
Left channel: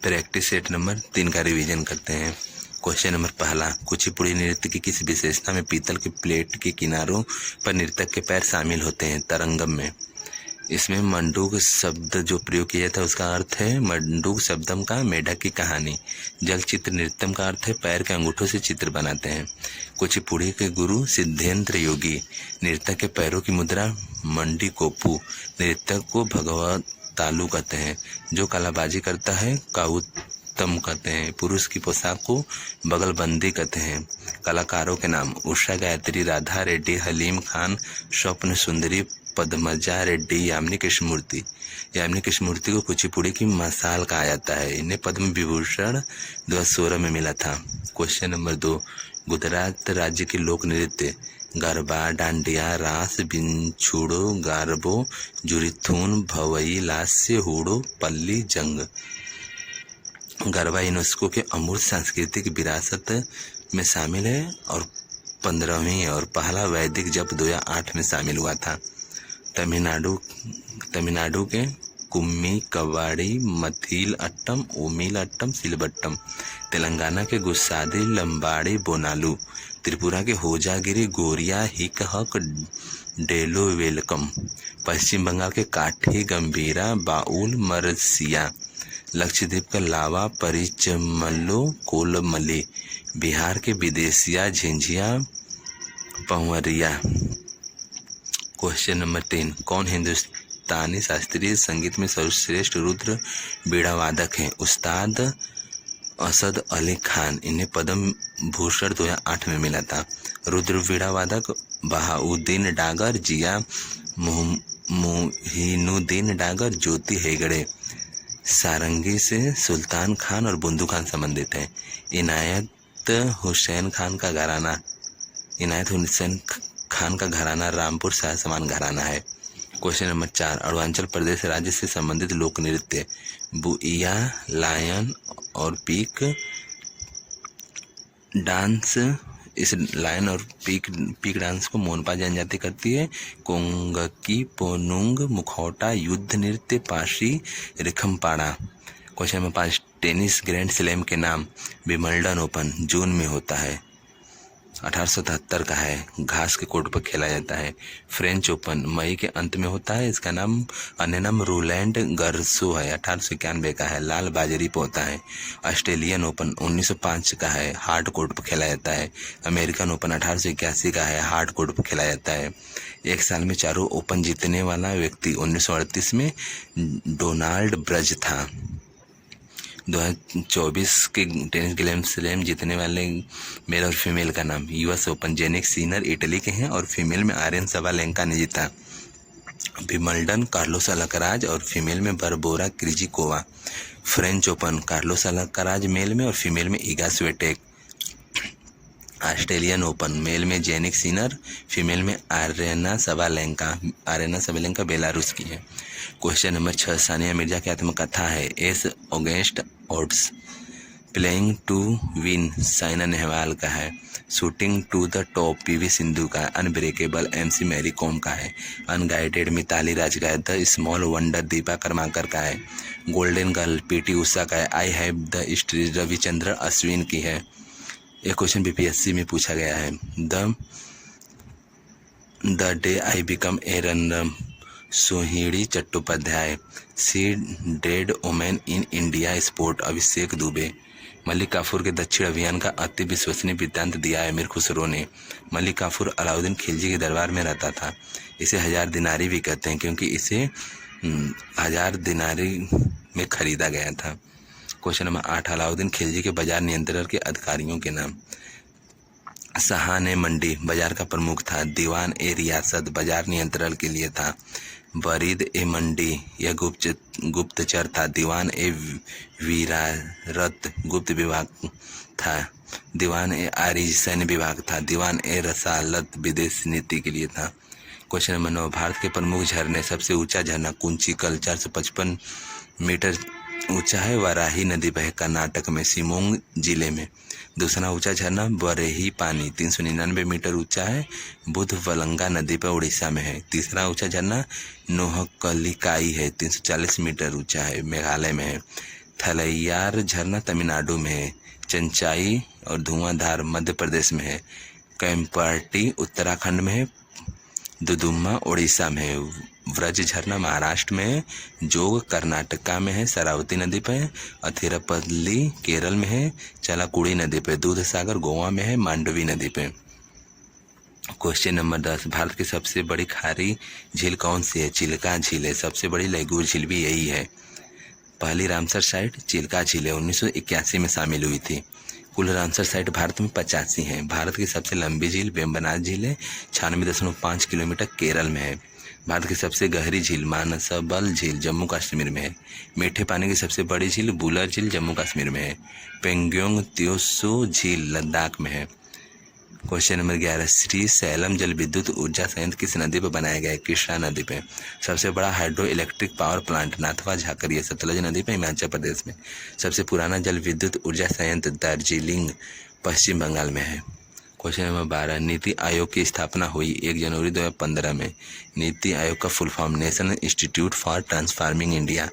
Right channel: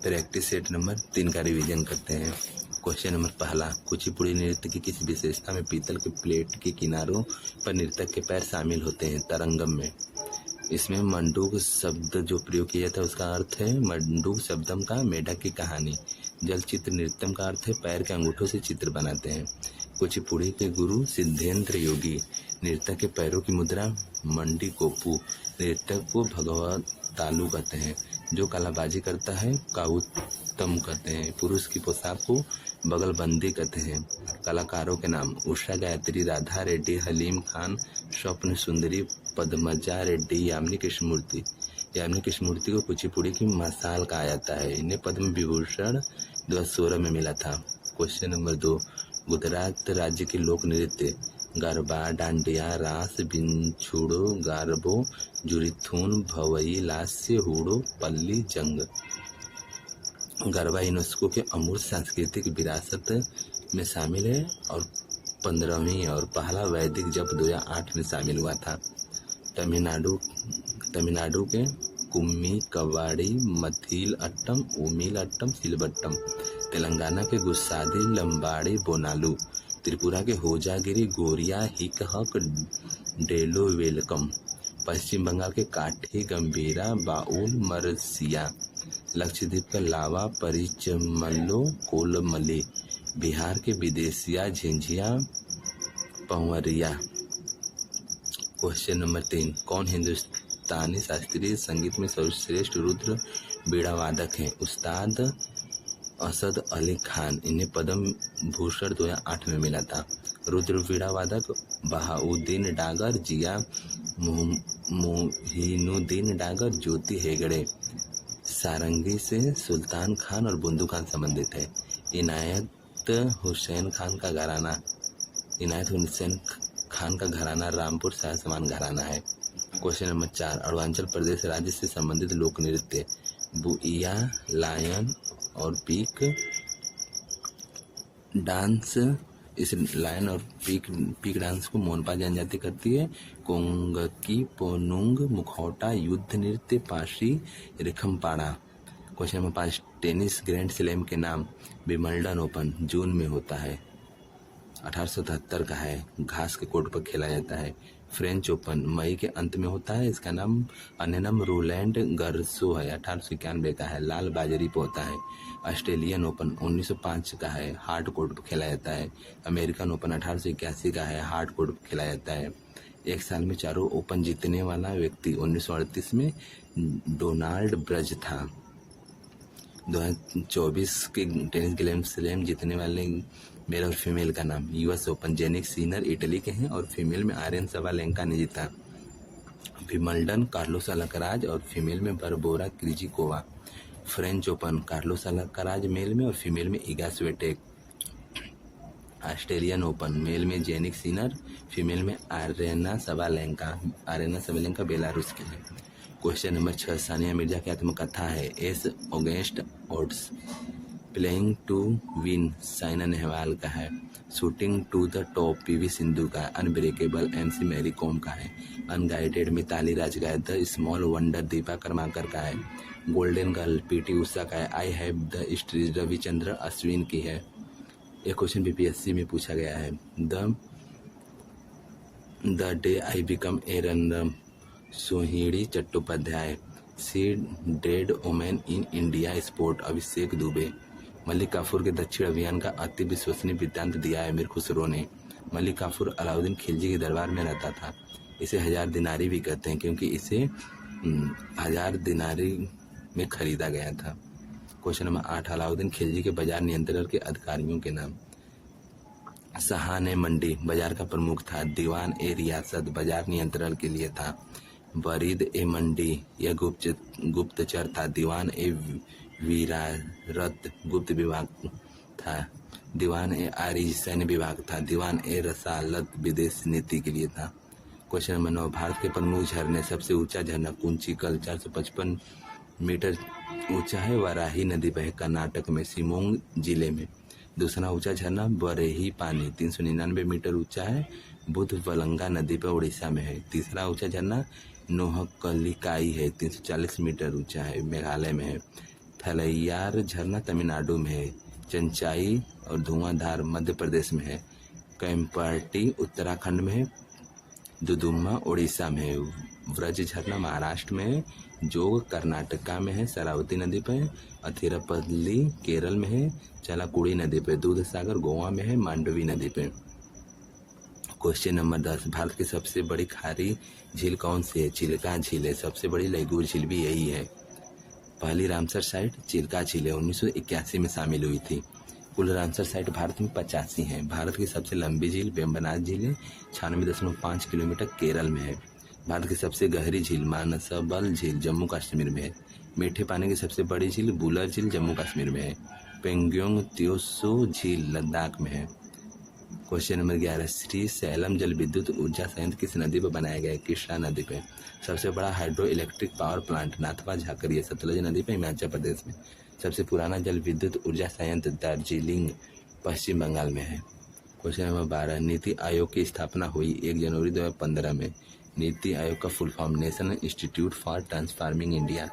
प्रैक्टिस सेट नंबर 3 का रिवीजन करते हैं। क्वेश्चन नंबर 1, कुचिपुड़ी नृत्य की किस विशेषता में पीतल के प्लेट के किनारों पर नर्तक के पैर शामिल होते हैं? तरंगम में। इसमें मंडूक शब्द जो प्रयोग किया था उसका अर्थ है मंडूक शब्दम का मेढक की कहानी। जल चित्र नृत्यम का अर्थ है पैर के अंगूठों से चित्र बनाते हैं। कुचिपुड़ी के गुरु सिद्धेंद्र योगी। नृत्यक के पैरों की मुद्रा मंडी कोपू। नृत्यक को भगवत तालु कहते हैं। जो कलाबाजी करता है काउतम कहते हैं। पुरुष की पोशाक को बगलबंदी कहते हैं। कलाकारों के नाम उषा गायत्री, राधा रेड्डी, हलीम खान, स्वप्न सुंदरी, पद्मजा रेड्डी, यामिनी कृष्णमूर्ति। यामिनी कृष्णमूर्ति को कुचिपुड़ी की मसाल कहा जाता है। इन्हें पद्म विभूषण 2016 में मिला था। क्वेश्चन नंबर 2, गुजरात राज्य के लोक नृत्य गरबा, डांडिया, रास, बिंछुड़ो, गारबो, जुरिथून, भवई, लास्य, हुड़ो, पल्ली, जंग। गरबा यूनेस्को के अमूर्त सांस्कृतिक विरासत में शामिल है और 15वीं और पहला वैदिक जप 2008 में शामिल हुआ था। तमिलनाडु के कुम्मी, कवाड़ी, मथील अट्टम, ओमिल अट्टम, सिलबट्टम। तेलंगाना के गुस्सादी, लंबाड़ी, बोनालू। त्रिपुरा के होजागिरी, गोरिया, हिक हक, डेलो वेलकम। पश्चिम बंगाल के काठी, गंभीरा, बाउल, मरसिया। लक्षद्वीप का लावा, परिचमल्लो, कोलमली। बिहार के विदेशिया, झिंझिया, पंवरिया। क्वेश्चन नंबर 3, कौन हिंदुस्तानी शास्त्रीय संगीत में सर्वश्रेष्ठ रुद्र बीड़ा वादक हैं? उस्ताद असद अली खान। इन्हें पद्म भूषण 2008 में मिला था। रुद्र बीड़ा वादक बहाउद्दीन डागर, जिया मोहिनुद्दीन डागर, ज्योति हेगड़े। सारंगी से सुल्तान खान और बुंदू खान संबंधित हैं। इनायत हुसैन खान का घराना रामपुर शाह समान घराना है। क्वेश्चन नंबर 4, अरुणाचल प्रदेश राज्य से संबंधित लोक नृत्य बुइया, लायन और पीक डांस। इस लायन और पीक डांस को मोनपा जनजाति करती है। कोंगकी, पोनुंग, मुखौटा, युद्ध नृत्य, Pasi, Rikhampada. Question number 5, tennis grand slam के नाम। विंबलडन ओपन जून में होता है, 1873 का है। घास के कोर्ट पर खेला जाता है। फ्रेंच ओपन मई के अंत में होता है। इसका नाम अन्य नाम रोलैंड गर्सो है, 1891 का है। लाल बाजरी पर होता है। ऑस्ट्रेलियन ओपन 1905 का है, हार्ड कोर्ट पर खेला जाता है। अमेरिकन ओपन 1881 का है, हार्ड कोर्ट पर खेला जाता है। एक साल में चारों ओपन जीतने वाला व्यक्ति 1938 में डोनाल्ड ब्रज था। 2024 के टेनिस ग्रैंड स्लैम जीतने वाले मेल और फीमेल का नाम। US open Jannik Sinner Italy के हैं और फीमेल में आर्यन सबालेंका ने जीता। विंबलडन कार्लोस अल्काराज और फीमेल में Barbora Krejcikova. French open Carlos Alcaraz male में और फीमेल में Iga Swiatek. Australian open, male में जेनिक सिनर, फीमेल में आरेना सबालेंका बेलारूस की है। क्वेश्चन नंबर 6, सानिया मिर्जा की आत्मकथा है। Ace against odds, playing to win Saina Nehwal का है। Shooting to the top PV Sindhu का है। अनब्रेकेबल एमसी मैरी कॉम का है। अनगाइडेड मिताली राज का है। The small wonder Dipa Karmakar का है। गोल्डन गर्ल पीटी उषा का है। I have the street Ravichandran Ashwin की है। एक क्वेश्चन बीपीएससी में पूछा गया है। The day I become a runner, Sohini Chattopadhyay. See dead women in India sport, Abhishek Dubey. Malik Kafur के दक्षिण अभियान का अति विश्वसनीय वृत्तांत दिया है मीर खुसरो ने। मलिक काफूर अलाउद्दीन खिलजी के दरबार में रहता था। इसे 1000 दिनारी भी कहते हैं क्योंकि इसे 1000 दिनारी में खरीदा गया था। क्वेश्चन नंबर 8, अलाउद्दीन खिलजी के बाजार नियंत्रण के अधिकारियों के नाम। सहान ए मंडी बाजार का प्रमुख था। दीवान ए रियासत बाजार नियंत्रण के लिए था। बरीद ए मंडी यह गुप्तचर था। दीवान ए वीरारत गुप्त विभाग था। दीवान ए आरिज सैन्य विभाग था। दीवान ए रसालत विदेश नीति के लिए था। क्वेश्चन नंबर 9, भारत के प्रमुख झरने। सबसे ऊंचा झरना कुंचिकल 455 मीटर ऊंचा है। वाराही नदी बह कर्नाटक में शिमोंग जिले में। दूसरा ऊंचा झरना बरेही पानी 399 मीटर ऊंचा है। बुधवलंगा नदी पर उड़ीसा में है। तीसरा ऊंचा झरना नोहकलिकाई है 340 मीटर ऊंचा है, मेघालय में है। थलैयार झरना तमिलनाडु में है। चंचाई और धुआंधार मध्य प्रदेश में है। कैंपटी उत्तराखंड में है। दुदुम्मा उड़ीसा में है। व्रज झरना महाराष्ट्र में है। जोग कर्नाटका में है, शरावती नदी पे है। अथिरपल्ली केरल में है। चलाकुड़ी नदी पे। दूध सागर गोवा में है, मांडवी नदी पे। क्वेश्चन नंबर 10, भारत की सबसे बड़ी खारी झील कौन सी है? चिल्का झील है। सबसे बड़ी लघु झील भी यही है। पहली रामसर साइट चिल्का झील है, 1981 में शामिल हुई थी। कुल रामसर साइट भारत में 85 हैं। भारत की सबसे लंबी झील वेम्बनाथ झील है, 96.5 किलोमीटर केरल में है। भारत की सबसे गहरी झील मानसबल झील जम्मू कश्मीर में है। मीठे पानी की सबसे बड़ी झील बुलर झील जम्मू कश्मीर में है। पेंगोंग त्योसो झील लद्दाख में है। क्वेश्चन नंबर 11, श्री सैलम जल विद्युत ऊर्जा संयंत्र किस नदी पर बनाया गया है? कृष्णा नदी पे। सबसे बड़ा hydroelectric power plant Nathpa Jhakri है, सतलज नदी पर, हिमाचल प्रदेश में। सबसे पुराना जल विद्युत ऊर्जा संयंत्र दार्जिलिंग पश्चिम बंगाल में है। क्वेश्चन नंबर 12, नीति आयोग की स्थापना हुई 1 जनवरी 2015 में। नीति आयोग का full form national institute for transforming India,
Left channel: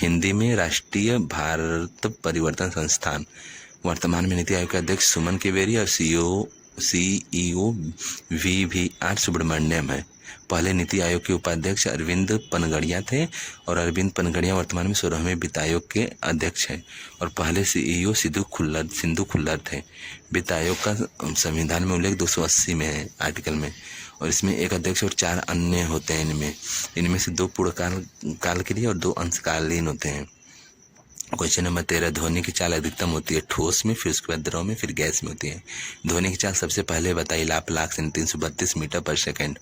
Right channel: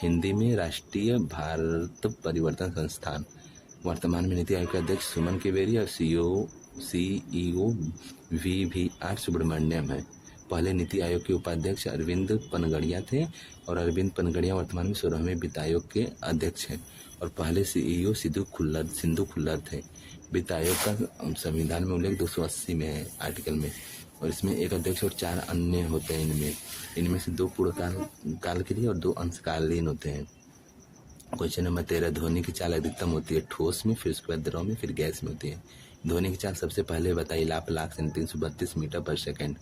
Hindi में राष्ट्रीय भारत परिवर्तन संस्थान। वर्तमान में नीति आयोग के अध्यक्ष सुमन केवेरी और सीईओ VVR सुब्रमण्यम है। पहले नीति आयोग के उपाध्यक्ष अरविंद पनगड़िया थे और अरविंद पनगड़िया वर्तमान में 16वें वित्त आयोग के अध्यक्ष हैं और पहले सीईओ सिंधु खुल्लर थे। वित्त आयोग का संविधान में उल्लेख 280 में है आर्टिकल में, और इसमें एक अध्यक्ष और 4 अन्य होते हैं। इनमें से 2 पूर्ण काल के लिए और 2 अंशकालीन होते हैं। क्वेश्चन नंबर 13, ध्वनि की चाल अधिकतम होती है ठोस में, फिर उसके बाद द्रव में, फिर गैस में होती है। ध्वनि की चाल सबसे पहले बताई लाख से 332 मीटर पर सेकेंड।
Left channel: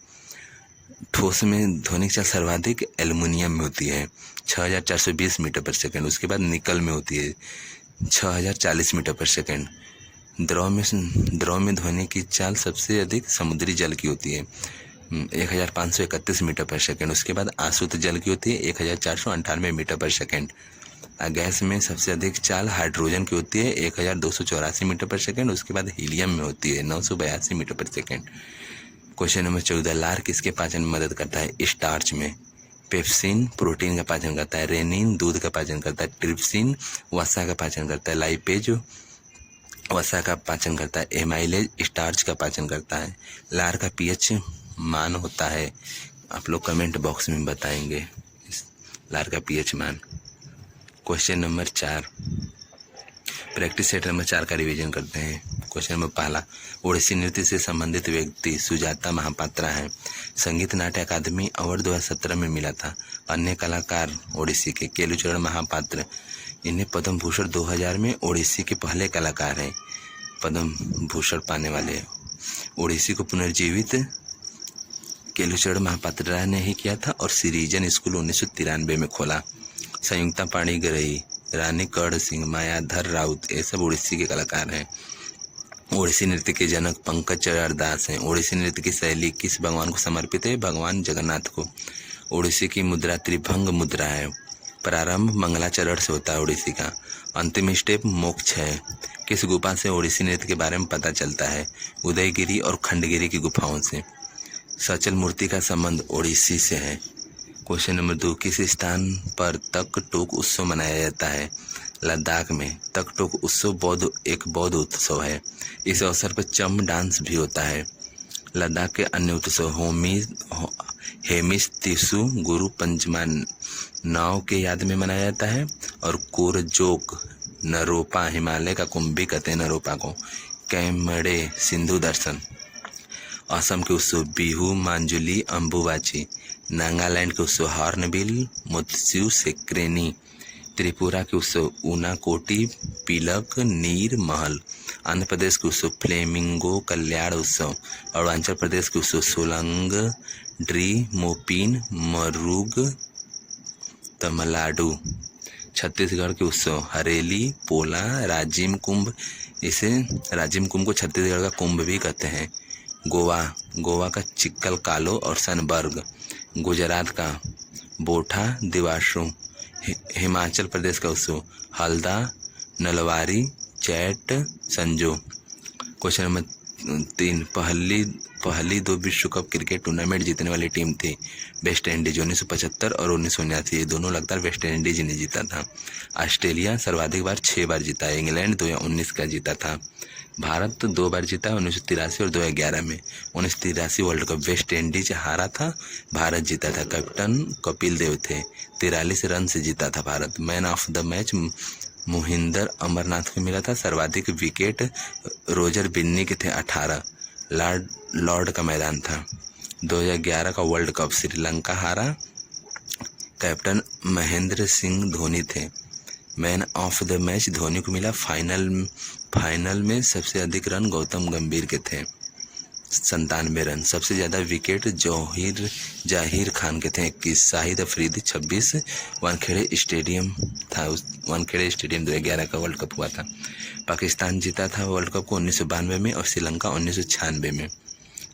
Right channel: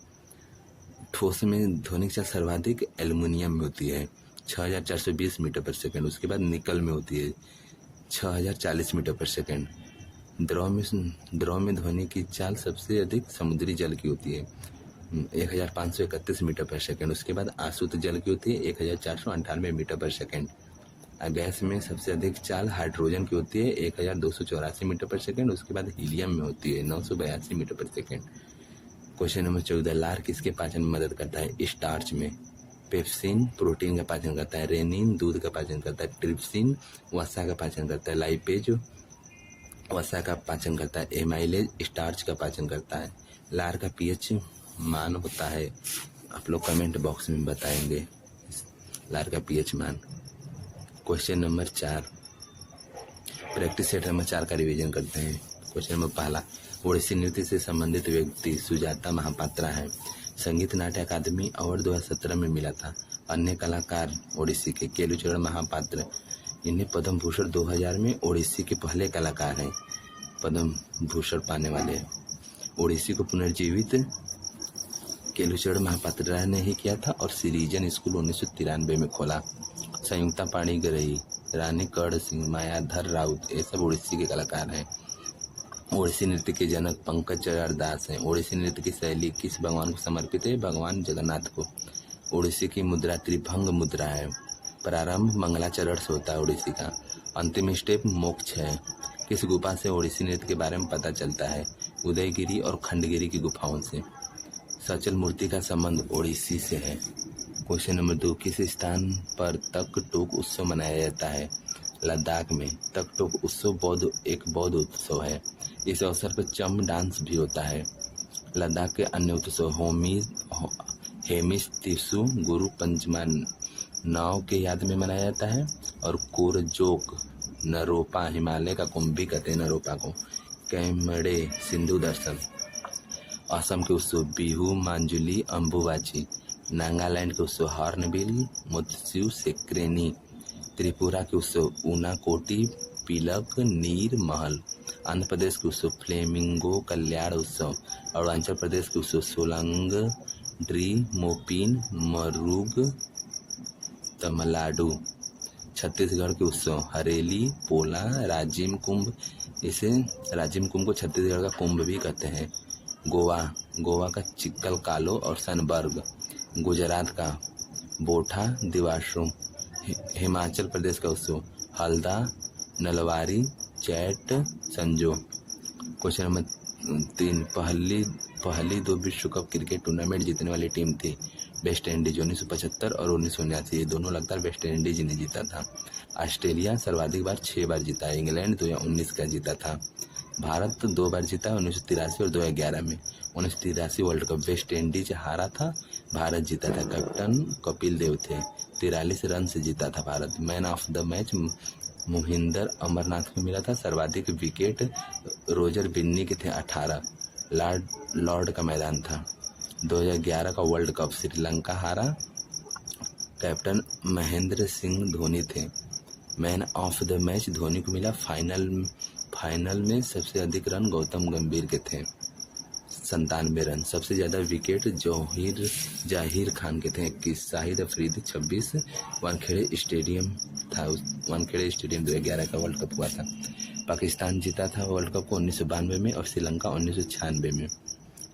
ठोस में ध्वनि की चाल सर्वाधिक एल्युमिनियम में होती है 6420 मीटर पर सेकेंड। उसके बाद निकल में होती है 6040 मीटर पर सेकेंड। द्रव में ध्वनि की चाल सबसे अधिक समुद्री जल की होती है 1531 मीटर पर सेकेंड। उसके बाद आसुत जल की होती है 1498 मीटर पर सेकेंड। गैस में सबसे अधिक चाल हाइड्रोजन की होती है 1284 मीटर पर सेकेंड। उसके बाद हीलियम में होती है 982 मीटर पर सेकेंड। क्वेश्चन नंबर 14, लार किसके पाचन में मदद करता है? स्टार्च में। पेप्सिन प्रोटीन का पाचन करता है। रेनिन दूध का पाचन करता है। ट्रिप्सिन वसा का पाचन करता है। लाइपेज वसा का पाचन करता है। एमाइलेज स्टार्च का पाचन करता है। लार का पीएच मान होता है, आप लोग कमेंट बॉक्स में बताएंगे इस लार का पीएच मान। Question number 4, practice set number 4 का रिवीजन करते हैं। क्वेश्चन नंबर 1, ओडिसी नृत्य से संबंधित व्यक्ति सुजाता महापात्रा हैं। संगीत नाट्य अकादमी अवार्ड 2017 में मिला था। अन्य कलाकार ओडिसी के केलुचरण महापात्र, इन्हें पद्म भूषण 2000 में ओडिसी के पहले कलाकार हैं पद्म भूषण पाने वाले। ओडिसी को पुनर्जीवित केलुचरण महापात्रा ने ही किया था और सिरीजन स्कूल 1993 में खोला। संयुक्ता पाणिग्राही, रानी कर्ण सिंह, मायाधर राउत, ये सब ओडिसी के कलाकार हैं। ओडिसी नृत्य के जनक पंकज चरण दास हैं। ओडिसी नृत्य की शैली किस भगवान को समर्पित है? भगवान जगन्नाथ को। ओडिसी की मुद्रा त्रिभंग मुद्रा है। प्रारंभ मंगलाचरण से होता है ओडिसी का। अंतिम स्टेप मोक्ष है। किस गुफा से ओडिसी नृत्य के बारे में पता चलता है? उदयगिरी और खंडगिरी की गुफाओं से। सचल मूर्ति का संबंध ओडिसी से है। क्वेश्चन नंबर 2, किस स्थान पर तक टोक उत्सव मनाया जाता है? लद्दाख में। तक टोक उत्सव एक बौद्ध उत्सव है। इस अवसर पर चम डांस भी होता है। लद्दाख के अन्य उत्सव हेमिस तिसु गुरु पंचमा नाव के याद में मनाया जाता है। और कोरजोक नरोपा, हिमालय का कुंभ भी कहते हैं नरोपा को। कैमड़े सिंधु दर्शन। असम के उत्सव बिहू, मांजुली, अम्बुबाची। नागालैंड के उत्सव हॉर्नबिल, मुत्सु, सेक्रेनी। त्रिपुरा के उत्सव ऊनाकोटी, पिलक, नीर महल। आंध्र प्रदेश के उत्सव फ्लेमिंगो, कल्याण उत्सव। अरुणाचल प्रदेश के उत्सव सोलंग, ड्री, मोपिन, मरुग, तमिलनाडु। छत्तीसगढ़ के उत्सव हरेली, पोला, राजिम कुंभ। इसे राजिम कुंभ को छत्तीसगढ़ का कुंभ भी कहते हैं। गोवा का चिक्कल कालो और सनबर्ग। गुजरात का बोठा, दिवाशु। हिमाचल प्रदेश का उत्सव हल्दा, नलवारी, चैट, संजो। क्वेश्चन नंबर 3, पहली 2 विश्व कप क्रिकेट टूर्नामेंट जीतने वाली टीम थी वेस्ट इंडीज 1975 और 1979। ये दोनों लगातार वेस्ट इंडीज ने जीता था। ऑस्ट्रेलिया सर्वाधिक बार 6 बार जीता है। इंग्लैंड 2019 का जीता था। भारत 2 बार जीता है, 1983 और 2011 में। 1983 वर्ल्ड कप वेस्ट इंडीज हारा था, भारत जीता था। कैप्टन कपिल देव थे। 43 रन से जीता था Bharat. Man of the match Mohinder Amarnath को मिला था। सर्वाधिक विकेट रोजर बिन्नी के थे 18। लॉर्ड का मैदान था। 2011 का वर्ल्ड कप श्रीलंका हारा। कैप्टन महेंद्र सिंह धोनी थे। Man of the match Dhoni को मिला। फाइनल में सबसे अधिक रन गौतम गंभीर के थे 97 रन। सबसे ज़्यादा विकेट जाहिर खान के थे 21। शाहिद अफरीदी 26। वानखेड़े स्टेडियम था। वानखेड़े स्टेडियम 2011 का वर्ल्ड कप हुआ था। पाकिस्तान जीता था वर्ल्ड कप को 1992 में और श्रीलंका 1996 में।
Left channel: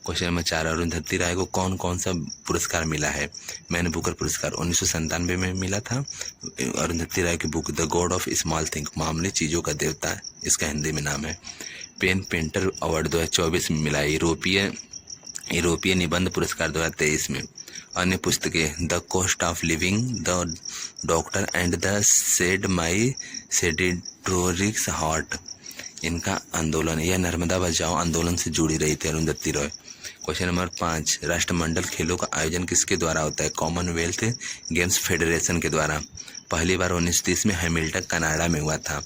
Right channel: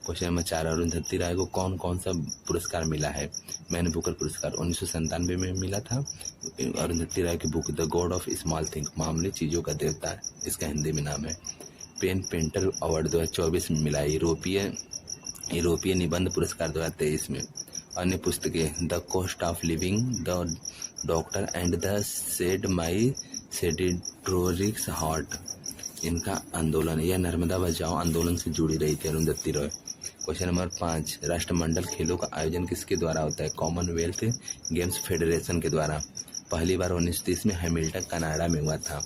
क्वेश्चन नंबर 4, अरुंधति राय को कौन कौन सा पुरस्कार मिला है? मैन बुकर पुरस्कार 1997 में मिला था। अरुंधति राय की book the God of small thing, मामूली चीज़ों का देवता, इसका हिंदी में नाम है। पेन पेंटर अवार्ड 2024 में मिला है। यूरोपीय निबंध पुरस्कार 2023 में। अन्य पुस्तकें the cost of living, the doctor and the saint my seditious heart. इनका आंदोलन, यह नर्मदा बचाओ आंदोलन से जुड़ी रही थी अरुंधति रॉय। क्वेश्चन नंबर 5, राष्ट्रमंडल खेलों का आयोजन किसके द्वारा होता है? कॉमनवेल्थ गेम्स फेडरेशन के द्वारा। पहली बार 1930 में हैमिल्टन कनाडा में हुआ था।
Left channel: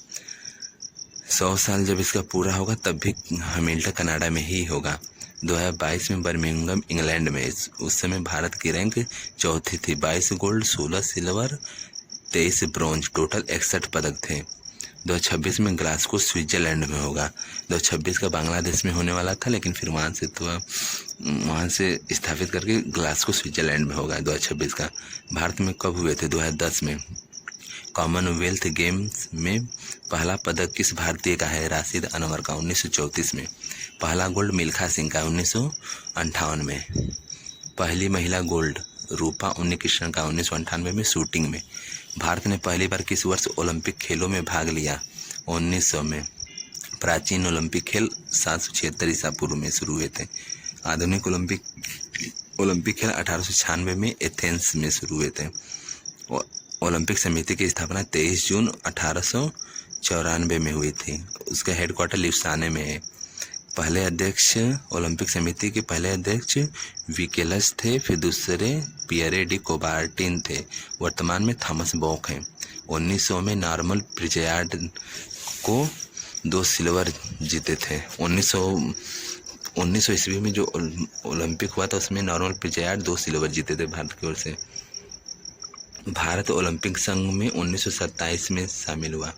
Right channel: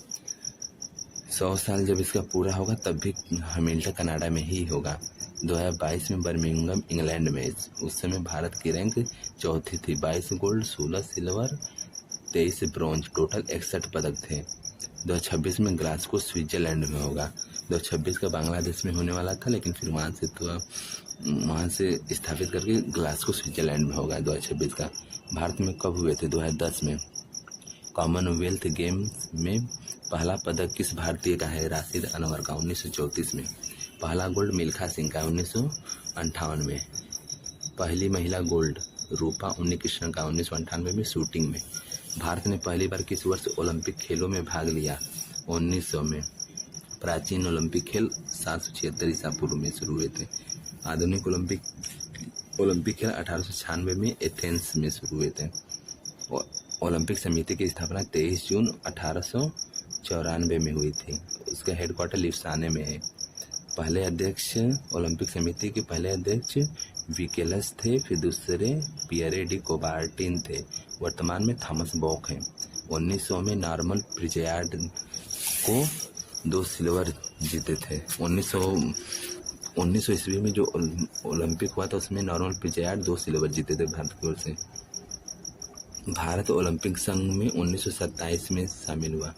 100 साल जब इसका पूरा होगा तब भी हैमिल्टन कनाडा में ही होगा। 2022 में बर्मिंघम इंग्लैंड में। उस समय भारत की रैंक 4थी थी। 22 गोल्ड, 16 सिल्वर, 23 ब्रॉन्ज, टोटल 61 पदक थे। 2026 में ग्लासगो स्विट्जरलैंड में होगा। 2026 का बांग्लादेश में होने वाला था, लेकिन फिर वहाँ से स्थापित करके ग्लासगो स्विट्जरलैंड में होगा 2026 का। भारत में कब हुए थे? 2010 में। कॉमनवेल्थ गेम्स में पहला पदक किस भारतीय का है? राशिद अनवर का 1934 में। पहला गोल्ड मिल्खा सिंह का 1958 में। पहली महिला गोल्ड रूपा उन्नीकृष्णन का 1998 में शूटिंग में। भारत ने पहली बार किस वर्ष ओलंपिक खेलों में भाग लिया? 1900 में। प्राचीन ओलंपिक खेल 776 ईसा पूर्व में शुरू हुए थे। आधुनिक ओलंपिक खेल 1896 में एथेंस में शुरू हुए थे। ओलंपिक समिति की स्थापना 23 जून 1894 में हुई थी। उसका हेडक्वार्टर लिप्साने में है। पहले अध्यक्ष, ओलंपिक समिति के पहले अध्यक्ष विकेलस थे, फिर दूसरे पियरे डी कोबार्टिन थे। वर्तमान में थॉमस बॉक हैं। 1900 में नॉर्मन प्रिजयार्ड को 2 सिल्वर जीते थे। 1900 ईस्वी में जो ओलंपिक हुआ था उसमें नॉर्मन प्रिजयार्ड 2 सिल्वर जीते थे भारत की ओर से। भारत ओलंपिक संघ में 1927 में शामिल हुआ।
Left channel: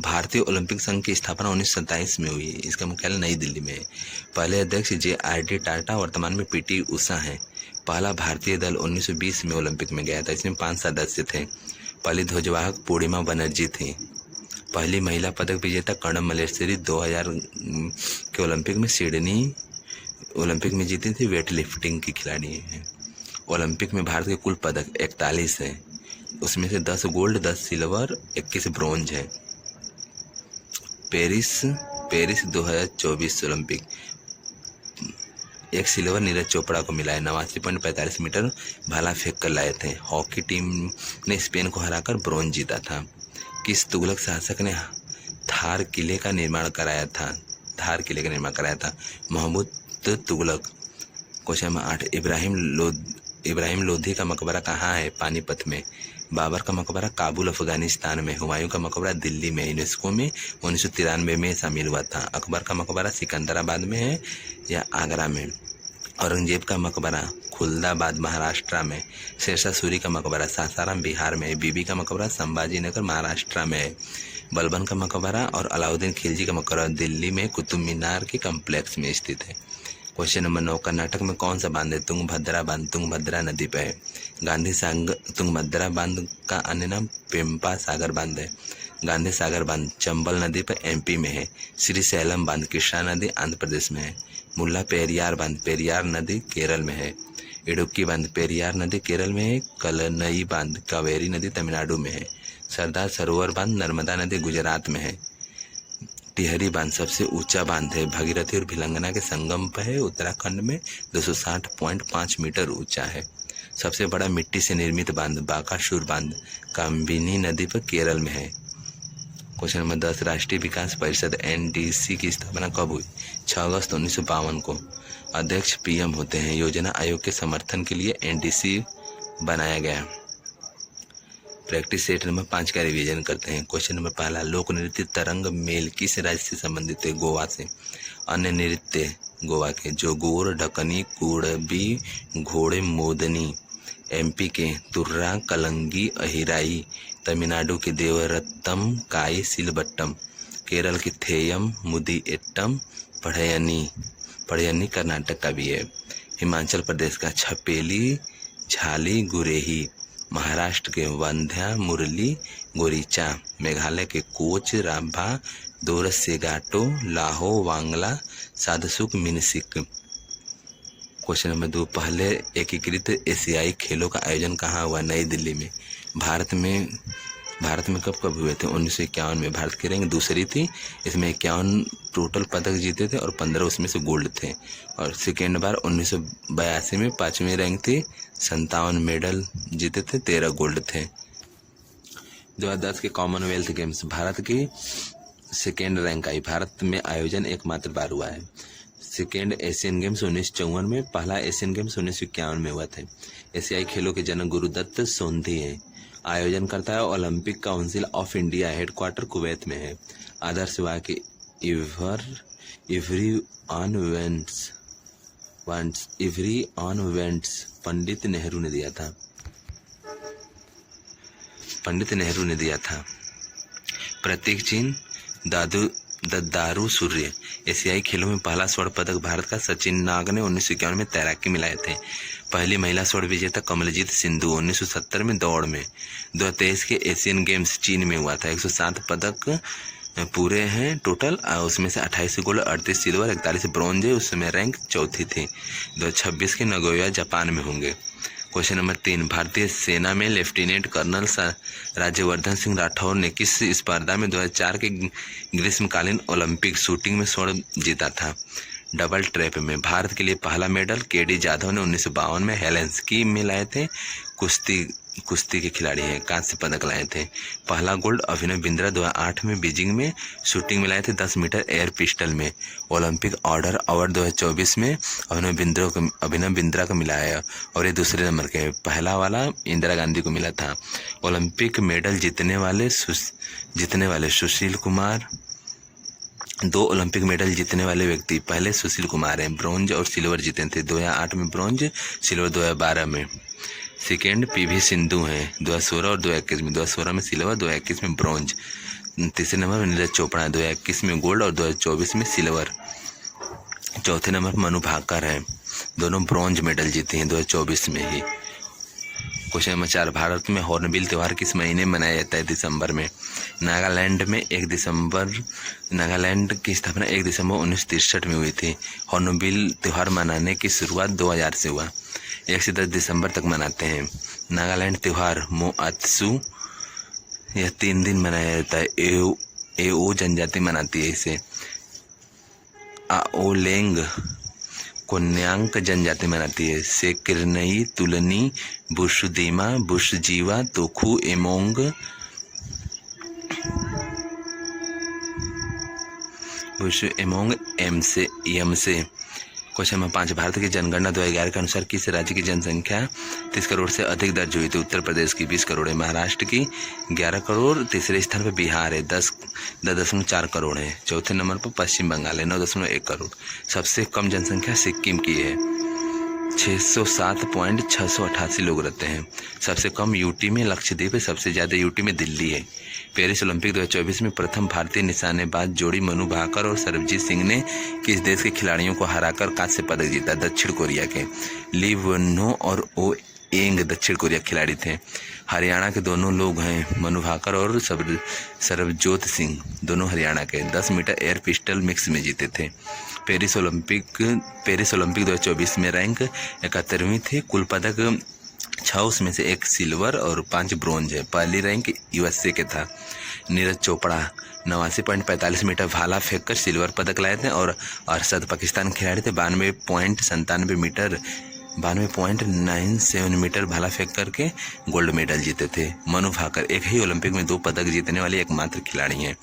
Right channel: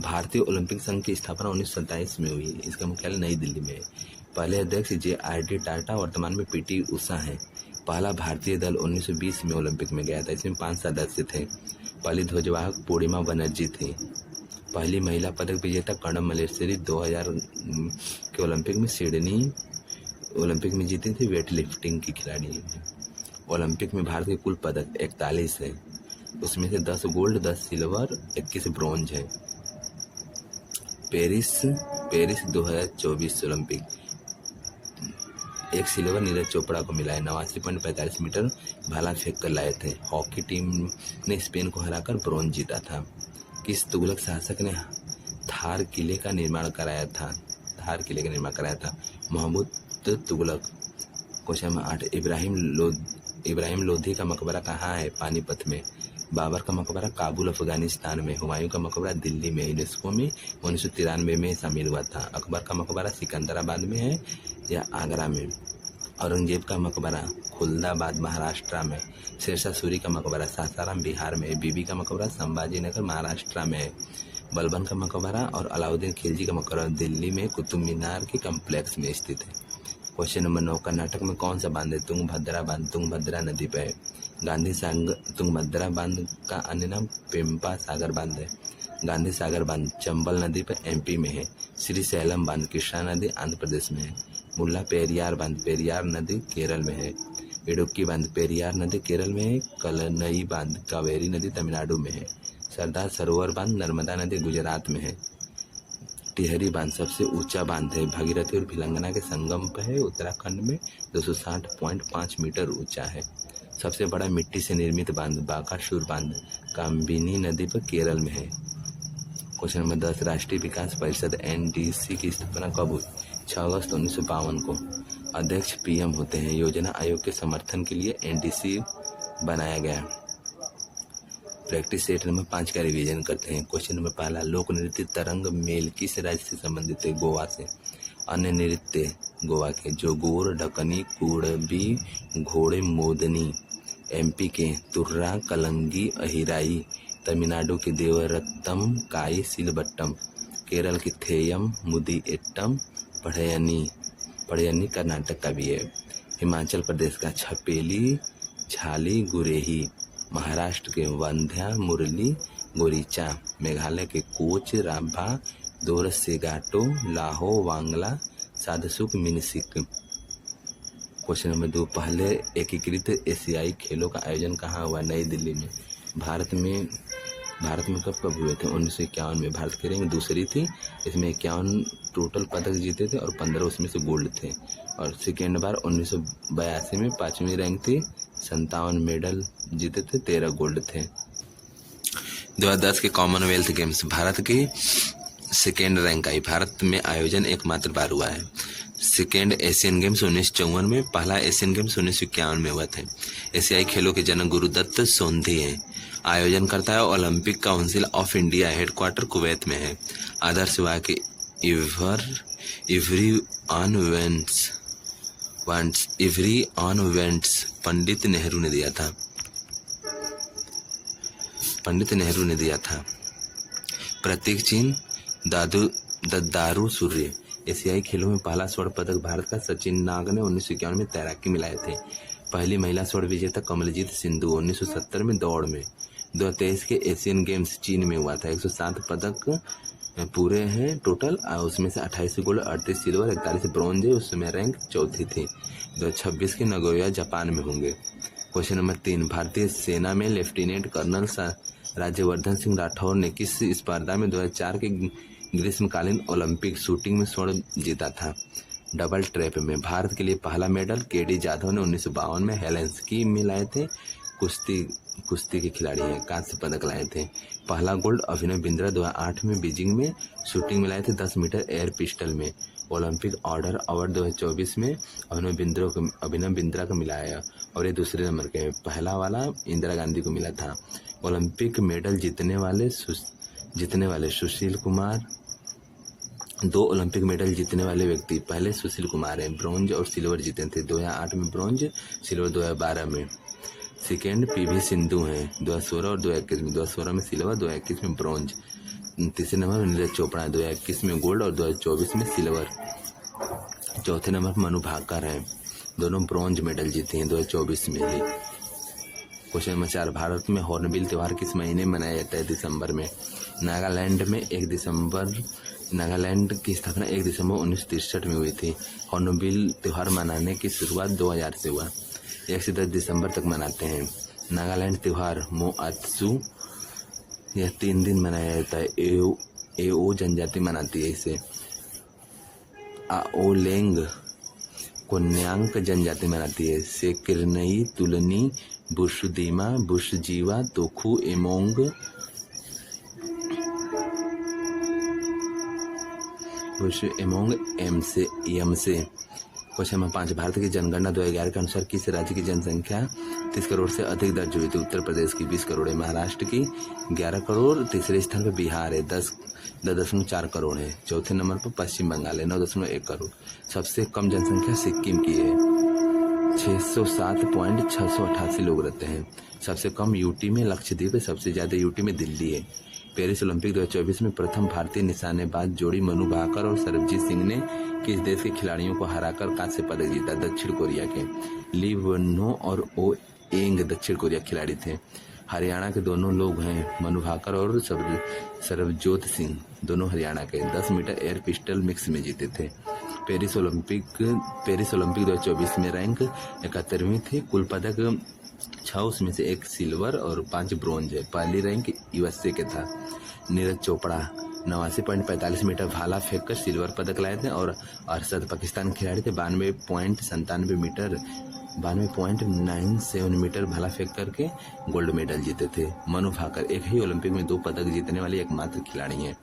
भारतीय ओलंपिक संघ की स्थापना 1927 में हुई। इसका मुख्यालय नई दिल्ली में है। पहले अध्यक्ष JRD टाटा, वर्तमान में PT उषा हैं। पहला भारतीय दल 1920 में ओलंपिक में गया था। इसमें 5 सदस्य थे। पहली ध्वजवाहक पूर्णिमा बनर्जी थी। पहली महिला पदक विजेता कर्णम मल्लेश्वरी 2000 के ओलंपिक में सिडनी ओलंपिक में जीती थी। वेट लिफ्टिंग की खिलाड़ी है। ओलंपिक में भारत के कुल पदक 41 हैं, उसमें से 10 गोल्ड, 10 सिल्वर, 21 ब्रोंज है। Paris 2024 Olympic, 1 silver Neeraj Chopra को मिला है। 89.45 मीटर भाला फेंक कर लाए थे। हॉकी टीम ने स्पेन को हराकर ब्रोंज जीता था। किस तुगलक शासक ने थार किले का निर्माण कराया था? महमूद तुगलक। क्वेश्चन नंबर 8, इब्राहिम लोधी का मकबरा कहाँ है? पानीपत में। बाबर का मकबरा काबुल अफगानिस्तान में। हुमायूं का मकबरा दिल्ली में, यूनेस्को में 1993 में शामिल हुआ था। अकबर का मकबरा सिकंदराबाद में है या आगरा में? औरंगजेब का मकबरा खुलदाबाद महाराष्ट्र में। शेरशाह सूरी का मकबरा सासाराम बिहार में। बीबी का मकबरा संभाजी नगर महाराष्ट्र में है। बलबन का मकबरा और अलाउद्दीन खिलजी का मकबरा दिल्ली में कुतुब मीनार के कम्प्लेक्स में स्थित है। क्वेश्चन नंबर 9, कर्नाटक में कौन सा बांध है? तुंगभद्रा बांध तुंगभद्रा नदी पर है। गांधी सागर तुंगभद्रा बांध का अन्य नाम पेम्पा सागर बांध है। गांधी सागर बांध चंबल नदी पर एमपी में है। श्रीशैलम बांध कृष्णा नदी आंध्र प्रदेश में है। मुल्ला पेरियार बांध पेरियार नदी केरल में है। इडुक्की बांध पेरियार नदी केरल में है। कलनई बांध कावेरी नदी तमिलनाडु में है। सरदार सरोवर बांध नर्मदा नदी गुजरात में है। टिहरी बांध सबसे ऊंचा बांध है। भगीरथी और भिलंगना के संगम पर है, उत्तराखंड में 260.5 मीटर ऊंचा है। सबसे बड़ा मिट्टी से निर्मित बांध बाकासूर बांध काम्बिनी नदी पर केरल में है। क्वेश्चन नंबर 10, राष्ट्रीय विकास परिषद एनडीसी की स्थापना कब हुई? 6 अगस्त 1952 को। अध्यक्ष पीएम होते हैं। योजना आयोग के समर्थन के लिए एनडीसी बनाया गया। प्रैक्टिस सेट नंबर 5 का रिवीजन करते हैं। क्वेश्चन नंबर 1, लोक नृत्य तरंग मेल किस राज्य से संबंधित है? गोवा से। अन्य नृत्य गोवा के जोगोर, ढकनी, कुड़बी, घोड़े मोदनी। एमपी के तुर्रा, कलंगी, अहिराई। तमिलनाडु के देवरत्तम, काई, सिलबट्टम। केरल की थेयम, मुदिएट्टम, पढ़यनी कर्नाटक का भी है। हिमाचल प्रदेश का छपेली, झाली, गुरेही। महाराष्ट्र के वंध्या, मुरली, गोरीचा। मेघालय के coach, Rabha, Dorsegato, Laho, Wangala, Sadsuk, Minsik. Question number 2, पहले एकीकृत एशियाई खेलों का आयोजन कहाँ हुआ? नई दिल्ली में। भारत में कब हुए थे? 1951 में। भारत की रैंक दूसरी थी। इसमें 51 टोटल पदक जीते थे और 15 उसमें से गोल्ड थे। और सेकेंड बार 1982 में 5वीं रैंक थी, 57 मेडल जीते थे, 13 गोल्ड थे। 2010 के कॉमनवेल्थ गेम्स भारत की सेकेंड रैंक आई। भारत में आयोजन एकमात्र बार हुआ है। सेकेंड एशियन गेम्स 1954 में, पहला एशियन गेम्स 1951 में हुए थे। एशियाई खेलों के जनक गुरुदत्त सोंधी हैं। आयोजन करता है Olympic council of India, headquarter Kuwait में है। आदर्श वाक्य every on vents Pandit Nehru ने दिया था। प्रतीक चिन्ह दारू सूर्य। एशियाई खेलों में पहला स्वर्ण पदक भारत का सचिन नाग ने 1951 में तैराकी में लाए थे। पहली महिला स्वर्ण विजेता कमलजीत सिंधु 1970 में दौड़ में। 2023 के एशियन गेम्स चीन में हुआ था। 107 पदक पूरे हैं टोटल, उसमें से 28 गोल्ड, 38 सिल्वर, 41 ब्रॉन्ज है। उसमें रैंक चौथी थी। 2026 के नगोया जापान में होंगे। क्वेश्चन नंबर 3, भारतीय सेना में लेफ्टिनेंट कर्नल राज्यवर्धन सिंह राठौर ने किस स्पर्धा में 2004 के ग्रीष्मकालीन ओलंपिक शूटिंग में स्वर्ण जीता था? डबल ट्रैप में। भारत के लिए पहला मेडल केडी जाधव ने 1952 में हेलेंस्की में लाए थे। कुश्ती के खिलाड़ी हैं, कांस्य पदक लाए थे। पहला गोल्ड अभिनव बिंद्रा 2008 में बीजिंग में शूटिंग में लाए थे 10 मीटर एयर पिस्टल में। ओलंपिक ऑर्डर अवार्ड 2024 में अभिनव बिंद्रा को मिला है और ये दूसरे नंबर के। पहला वाला इंदिरा गांधी को मिला था। ओलंपिक मेडल जीतने वाले सुशील कुमार। 2 ओलंपिक मेडल जीतने वाले व्यक्ति पहले सुशील कुमार हैं। ब्रॉन्ज और सिल्वर जीते थे। 2008 में ब्रॉन्ज, सिल्वर 2012 में। सेकेंड पीवी सिंधु हैं 2016 और 2021 में। 2016 में सिल्वर, 2021 में ब्रॉन्ज। तीसरे नंबर पर नीरज चोपड़ा है, 2021 में गोल्ड और 2024 में सिल्वर। चौथे नंबर पर मनु भाकर हैं, दोनों ब्रॉन्ज मेडल जीते हैं 2024 में ही। क्वेश्चन नंबर 4, भारत में हॉर्नबिल त्यौहार किस महीने मनाया जाता है? दिसंबर में। नागालैंड की स्थापना 1 दिसंबर 1963 में हुई थी। हॉर्नबिल त्यौहार मनाने की शुरुआत 2000 से हुआ। 1 से 10 दिसंबर तक मनाते हैं। नागालैंड त्यौहार मोआत्सु यह 3 दिन मनाया जाता है। एओ जनजाति मनाती है इसे। आओलेंग कोन्यांक जनजाति मनाती है। सेकिरनई, तुलनी, बुशदीमा, बुशजीवा, तोखू, एमोंग, यमसे। क्वेश्चन नंबर 5, भारत की जनगणना 2011 के अनुसार किस राज्य की जनसंख्या 30 करोड़ से अधिक दर्ज हुई थी? उत्तर प्रदेश की 20 करोड़ है, महाराष्ट्र की 11 करोड़, तीसरे स्थान पर बिहार है 10.4 करोड़ है, चौथे नंबर पर पश्चिम बंगाल है 9.1 करोड़। सबसे कम जनसंख्या सिक्किम की है, 607.688 लोग रहते हैं। सबसे कम यूटी में लक्षद्वीप है, सबसे ज़्यादा यूटी में दिल्ली है। पेरिस ओलंपिक 2024 में प्रथम भारतीय निशानेबाज जोड़ी मनु भाकर और सरबजीत सिंह ने किस देश के खिलाड़ियों को हराकर कांस्य पदक जीता? दक्षिण कोरिया के। ली वनो और ओ एंग दक्षिण कोरिया खिलाड़ी थे। हरियाणा के दोनों लोग हैं, मनु भाकर और सरबजोत सिंह, दोनों हरियाणा के। 10 मीटर एयर पिस्टल मिक्स में जीते थे। पेरिस ओलंपिक 2024 में रैंक 71वीं थी। कुल पदक 6, उसमें से 1 सिल्वर और 5 ब्रोंज है। पहली रैंक यूएसए के था। नीरज चोपड़ा 89.45 मीटर भाला फेंककर सिल्वर पदक लाए थे और अरशद पाकिस्तान खिलाड़ी थे 92.97 मीटर भाला फेंक करके गोल्ड मेडल जीते थे। मनु भाकर एक ही ओलंपिक में 2 पदक जीतने वाले एकमात्र खिलाड़ी हैं।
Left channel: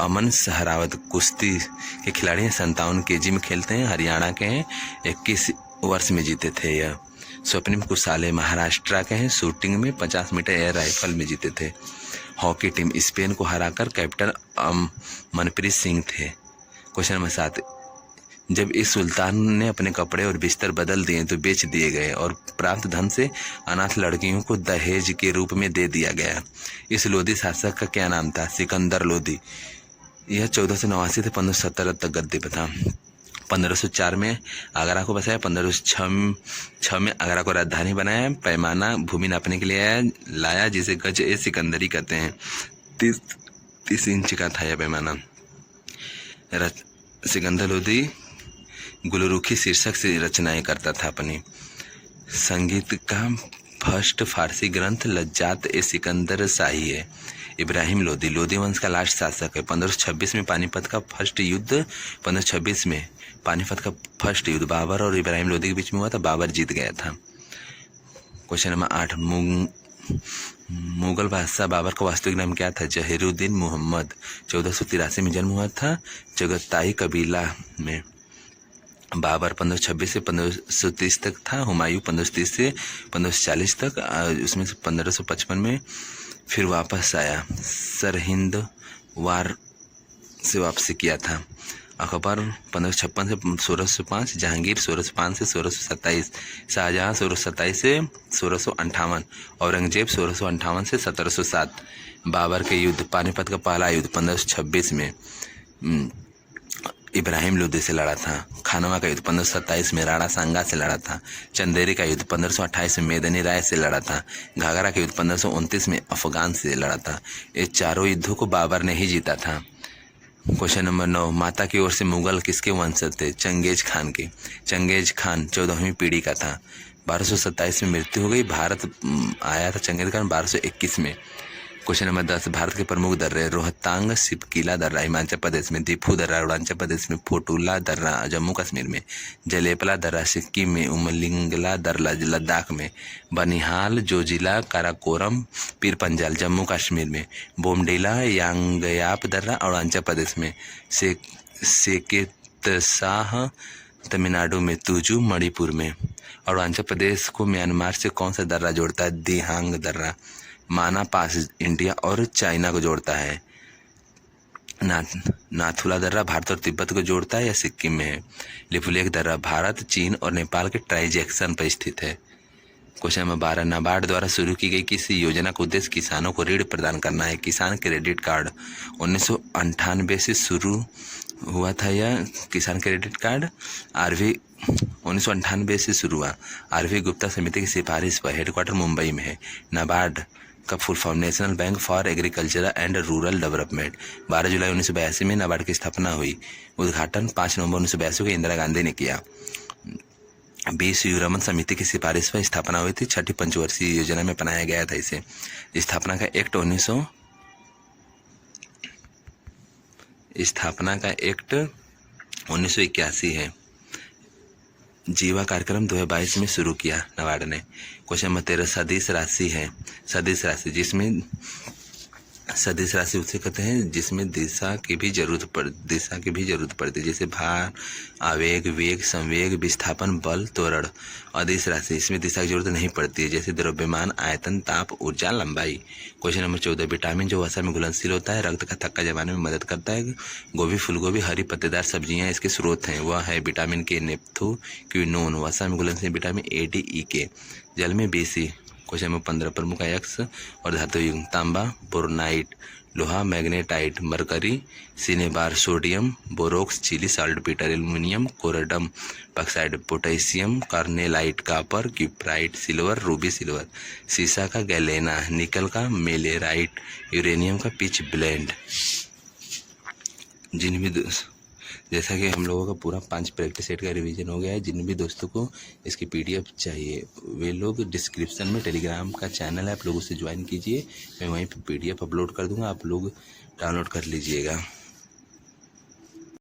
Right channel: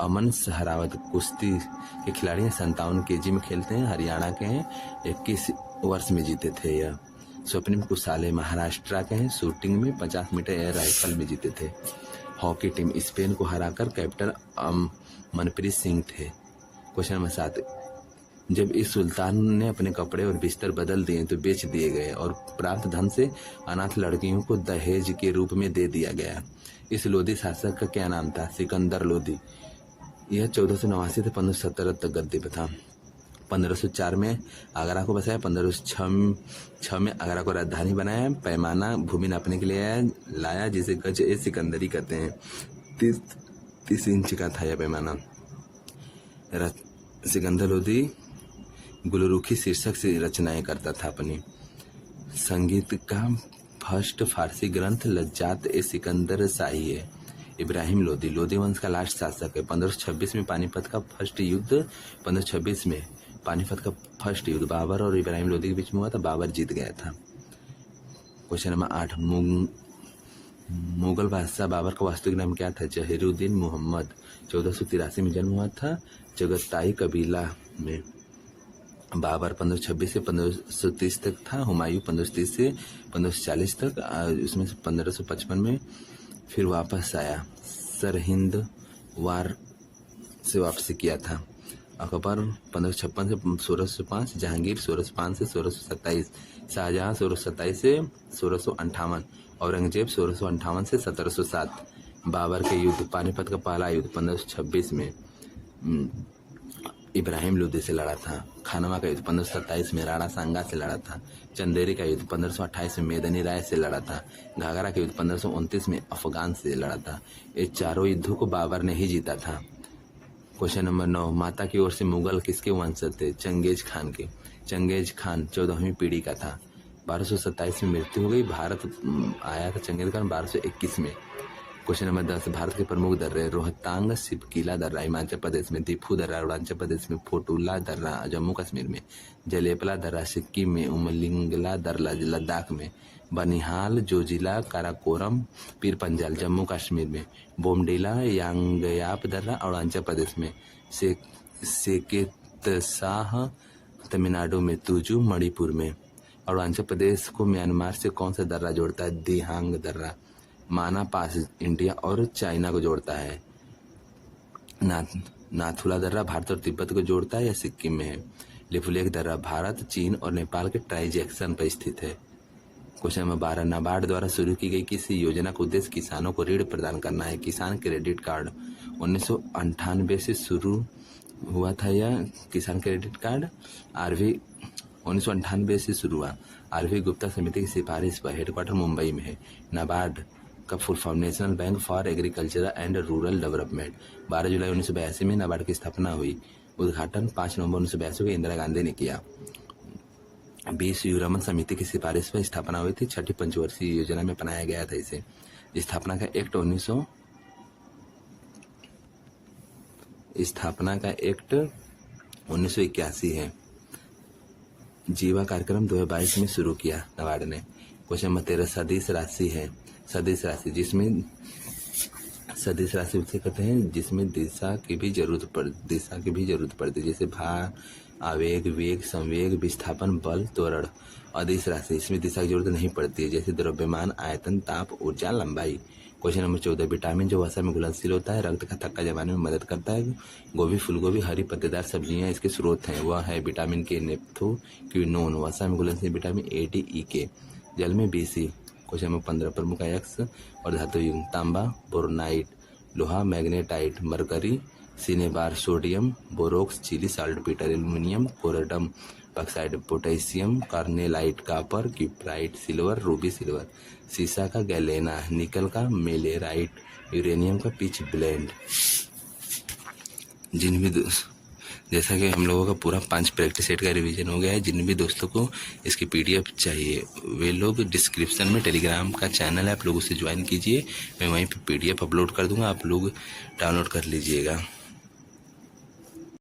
अमन सहरावत कुश्ती के खिलाड़ी हैं, 57 केजी में खेलते हैं, हरियाणा के हैं, 21 वर्ष में जीते थे यह। स्वप्निम कुसाले महाराष्ट्र के हैं, शूटिंग में 50 मीटर एयर राइफल में जीते थे। हॉकी टीम स्पेन को हराकर कैप्टन मनप्रीत सिंह थे। क्वेश्चन नंबर 7, जब इस सुल्तान ने अपने कपड़े और बिस्तर बदल दिए तो बेच दिए गए और प्राप्त धन से अनाथ लड़कियों को दहेज के रूप में दे दिया गया। इस लोधी शासक का क्या नाम था? सिकंदर लोधी। यह 1489 से 1517 तक गद्दी पर था। 1504 में आगरा को बसाया, 1506 में आगरा को राजधानी बनाया। पैमाना भूमि नापने के लिए लाया जिसे गज ए सिकंदरी कहते हैं। 30 इंच का था यह पैमाना। सिकंदर लोधी गुलरुखी शीर्षक से रचनाएं करता था अपनी। संगीत का फर्स्ट फारसी ग्रंथ लज्जात ए सिकंदर शाही है। इब्राहिम लोधी लोधी वंश का लास्ट शासक है। 1526 में पानीपत का फर्स्ट युद्ध 1526 में पानीपत का फर्स्ट युद्ध बाबर और इब्राहिम लोधी के बीच में हुआ था, बाबर जीत गया था। क्वेश्चन नंबर 8, मुगल बादशाह बाबर का वास्तविक नाम क्या था? जहीरुद्दीन मोहम्मद। 1483 में जन्म हुआ था चगताई कबीला में। बाबर 1526 से 1530 तक था। हुमायूं 1530 से 1540 तक, उसमें से 1555 में फिर वापस आया। सरहिंद वार से वापसी किया था। अकबर 1556 से 1605, जहांगीर 1605 से 1627, शाहजहां 1627 से 1658, औरंगजेब 1658 से 1707। बाबर के युद्ध, पानीपत का पहला युद्ध 1526 में इब्राहिम लोधी से लड़ा था। खानवा का युद्ध 1527 में राणा सांगा से लड़ा था। चंदेरी का युद्ध 1528 में मेदनी राय से लड़ा था। घाघरा का युद्ध 1529 में अफगान से लड़ा था। ये चारों युद्धों को बाबर ने ही जीता था। क्वेश्चन नंबर 9, माता की ओर से मुगल किसके वंशज थे? चंगेज खान के। चंगेज खान 14वीं पीढ़ी का था। 1227 में मृत्यु हो गई। भारत आया था चंगेज खान 1221 में। क्वेश्चन नंबर 10, भारत के प्रमुख दर्रे रोहतांग सिपकीला दर्रा हिमाचल प्रदेश में, दीफू दर्रा अरुणाचल प्रदेश में, फोटुला दर्रा जम्मू कश्मीर में, जलेपला दर्रा सिक्किम में, उमलिंगला दर्रा लद्दाख में, बनिहाल जोजिला काराकोरम पीर पंजाल जम्मू कश्मीर में, बोमडीला यांगयाप दर्रा अरुणाचल प्रदेश में, सेकेतसाह तमिलनाडु में, तुजू मणिपुर में। अरुणाचल प्रदेश को म्यांमार से कौन सा दर्रा जोड़ता है? दिहांग दर्रा। माना पास इंडिया और चाइना को जोड़ता है। नाथुला दर्रा भारत और तिब्बत को जोड़ता है या सिक्किम में है। लिपुलेख दर्रा भारत, चीन और नेपाल के ट्राइजेक्शन पर स्थित है। क्वेश्चन नंबर 12, नाबार्ड द्वारा शुरू की गई किसी योजना का उद्देश्य किसानों को ऋण प्रदान करना है? किसान क्रेडिट कार्ड। 1998 से शुरू हुआ था यह किसान क्रेडिट कार्ड आरवी 1998 से शुरू हुआ। आरवी गुप्ता समिति की सिफारिश पर हेडक्वार्टर मुंबई में है। नाबार्ड का full form national bank for agriculture and rural development. 12 जुलाई 1982 में नाबार्ड की स्थापना हुई। उद्घाटन 5 नवंबर 1982 को इंदिरा गांधी ने किया। 20 यूरोमन समिति की सिफारिश पर स्थापना हुई थी। 6ठी पंचवर्षीय योजना में बनाया गया था इसे। स्थापना का एक्ट 1981 है। जीवा कार्यक्रम 2022 में शुरू किया नाबार्ड ने। क्वेश्चन नंबर 13 सदिश राशि है। सदिश राशि सदिश राशि उसे कहते हैं जिसमें दिशा की भी जरूरत पड़ती है, जैसे भार, आवेग, वेग, संवेग, विस्थापन, बल, त्वरण। अदिश राशि इसमें दिशा की जरूरत नहीं पड़ती है, जैसे द्रव्यमान, आयतन, ताप, ऊर्जा, लंबाई। क्वेश्चन नंबर 14 विटामिन जो वसा में घुलनशील होता है, रक्त का थक्का जमाने में मदद करता है। गोभी, फूलगोभी, हरी पत्तेदार सब्जियां इसके स्रोत हैं। वह है विटामिन के, नेप्थोक्विनोन। वसा में घुलनशील विटामिन ए, डी, ई, के। जल में BC। क्वेश्चन नंबर 15 प्रमुख अयस्क और धातु युग्म तांबा, बोरोनाइट, लोहा, magnetite, mercury, cinnabar, sodium, borax, Chile saltpetre, aluminium, corundum, bauxite, potassium, carnallite, copper, cuprite, silver, ruby silver. सीसा का गैलेना, निकल का मेलेराइट, यूरेनियम का पिच ब्लेंड। जैसा कि हम लोगों का पूरा 5 प्रैक्टिस सेट का रिवीजन हो गया है। जिन भी दोस्तों को इसकी PDF चाहिए वे लोग डिस्क्रिप्शन में टेलीग्राम का चैनल है, आप लोग उसे ज्वाइन कीजिए। मैं वहीं पे PDF अपलोड कर दूंगा, आप लोग डाउनलोड कर लीजिएगा।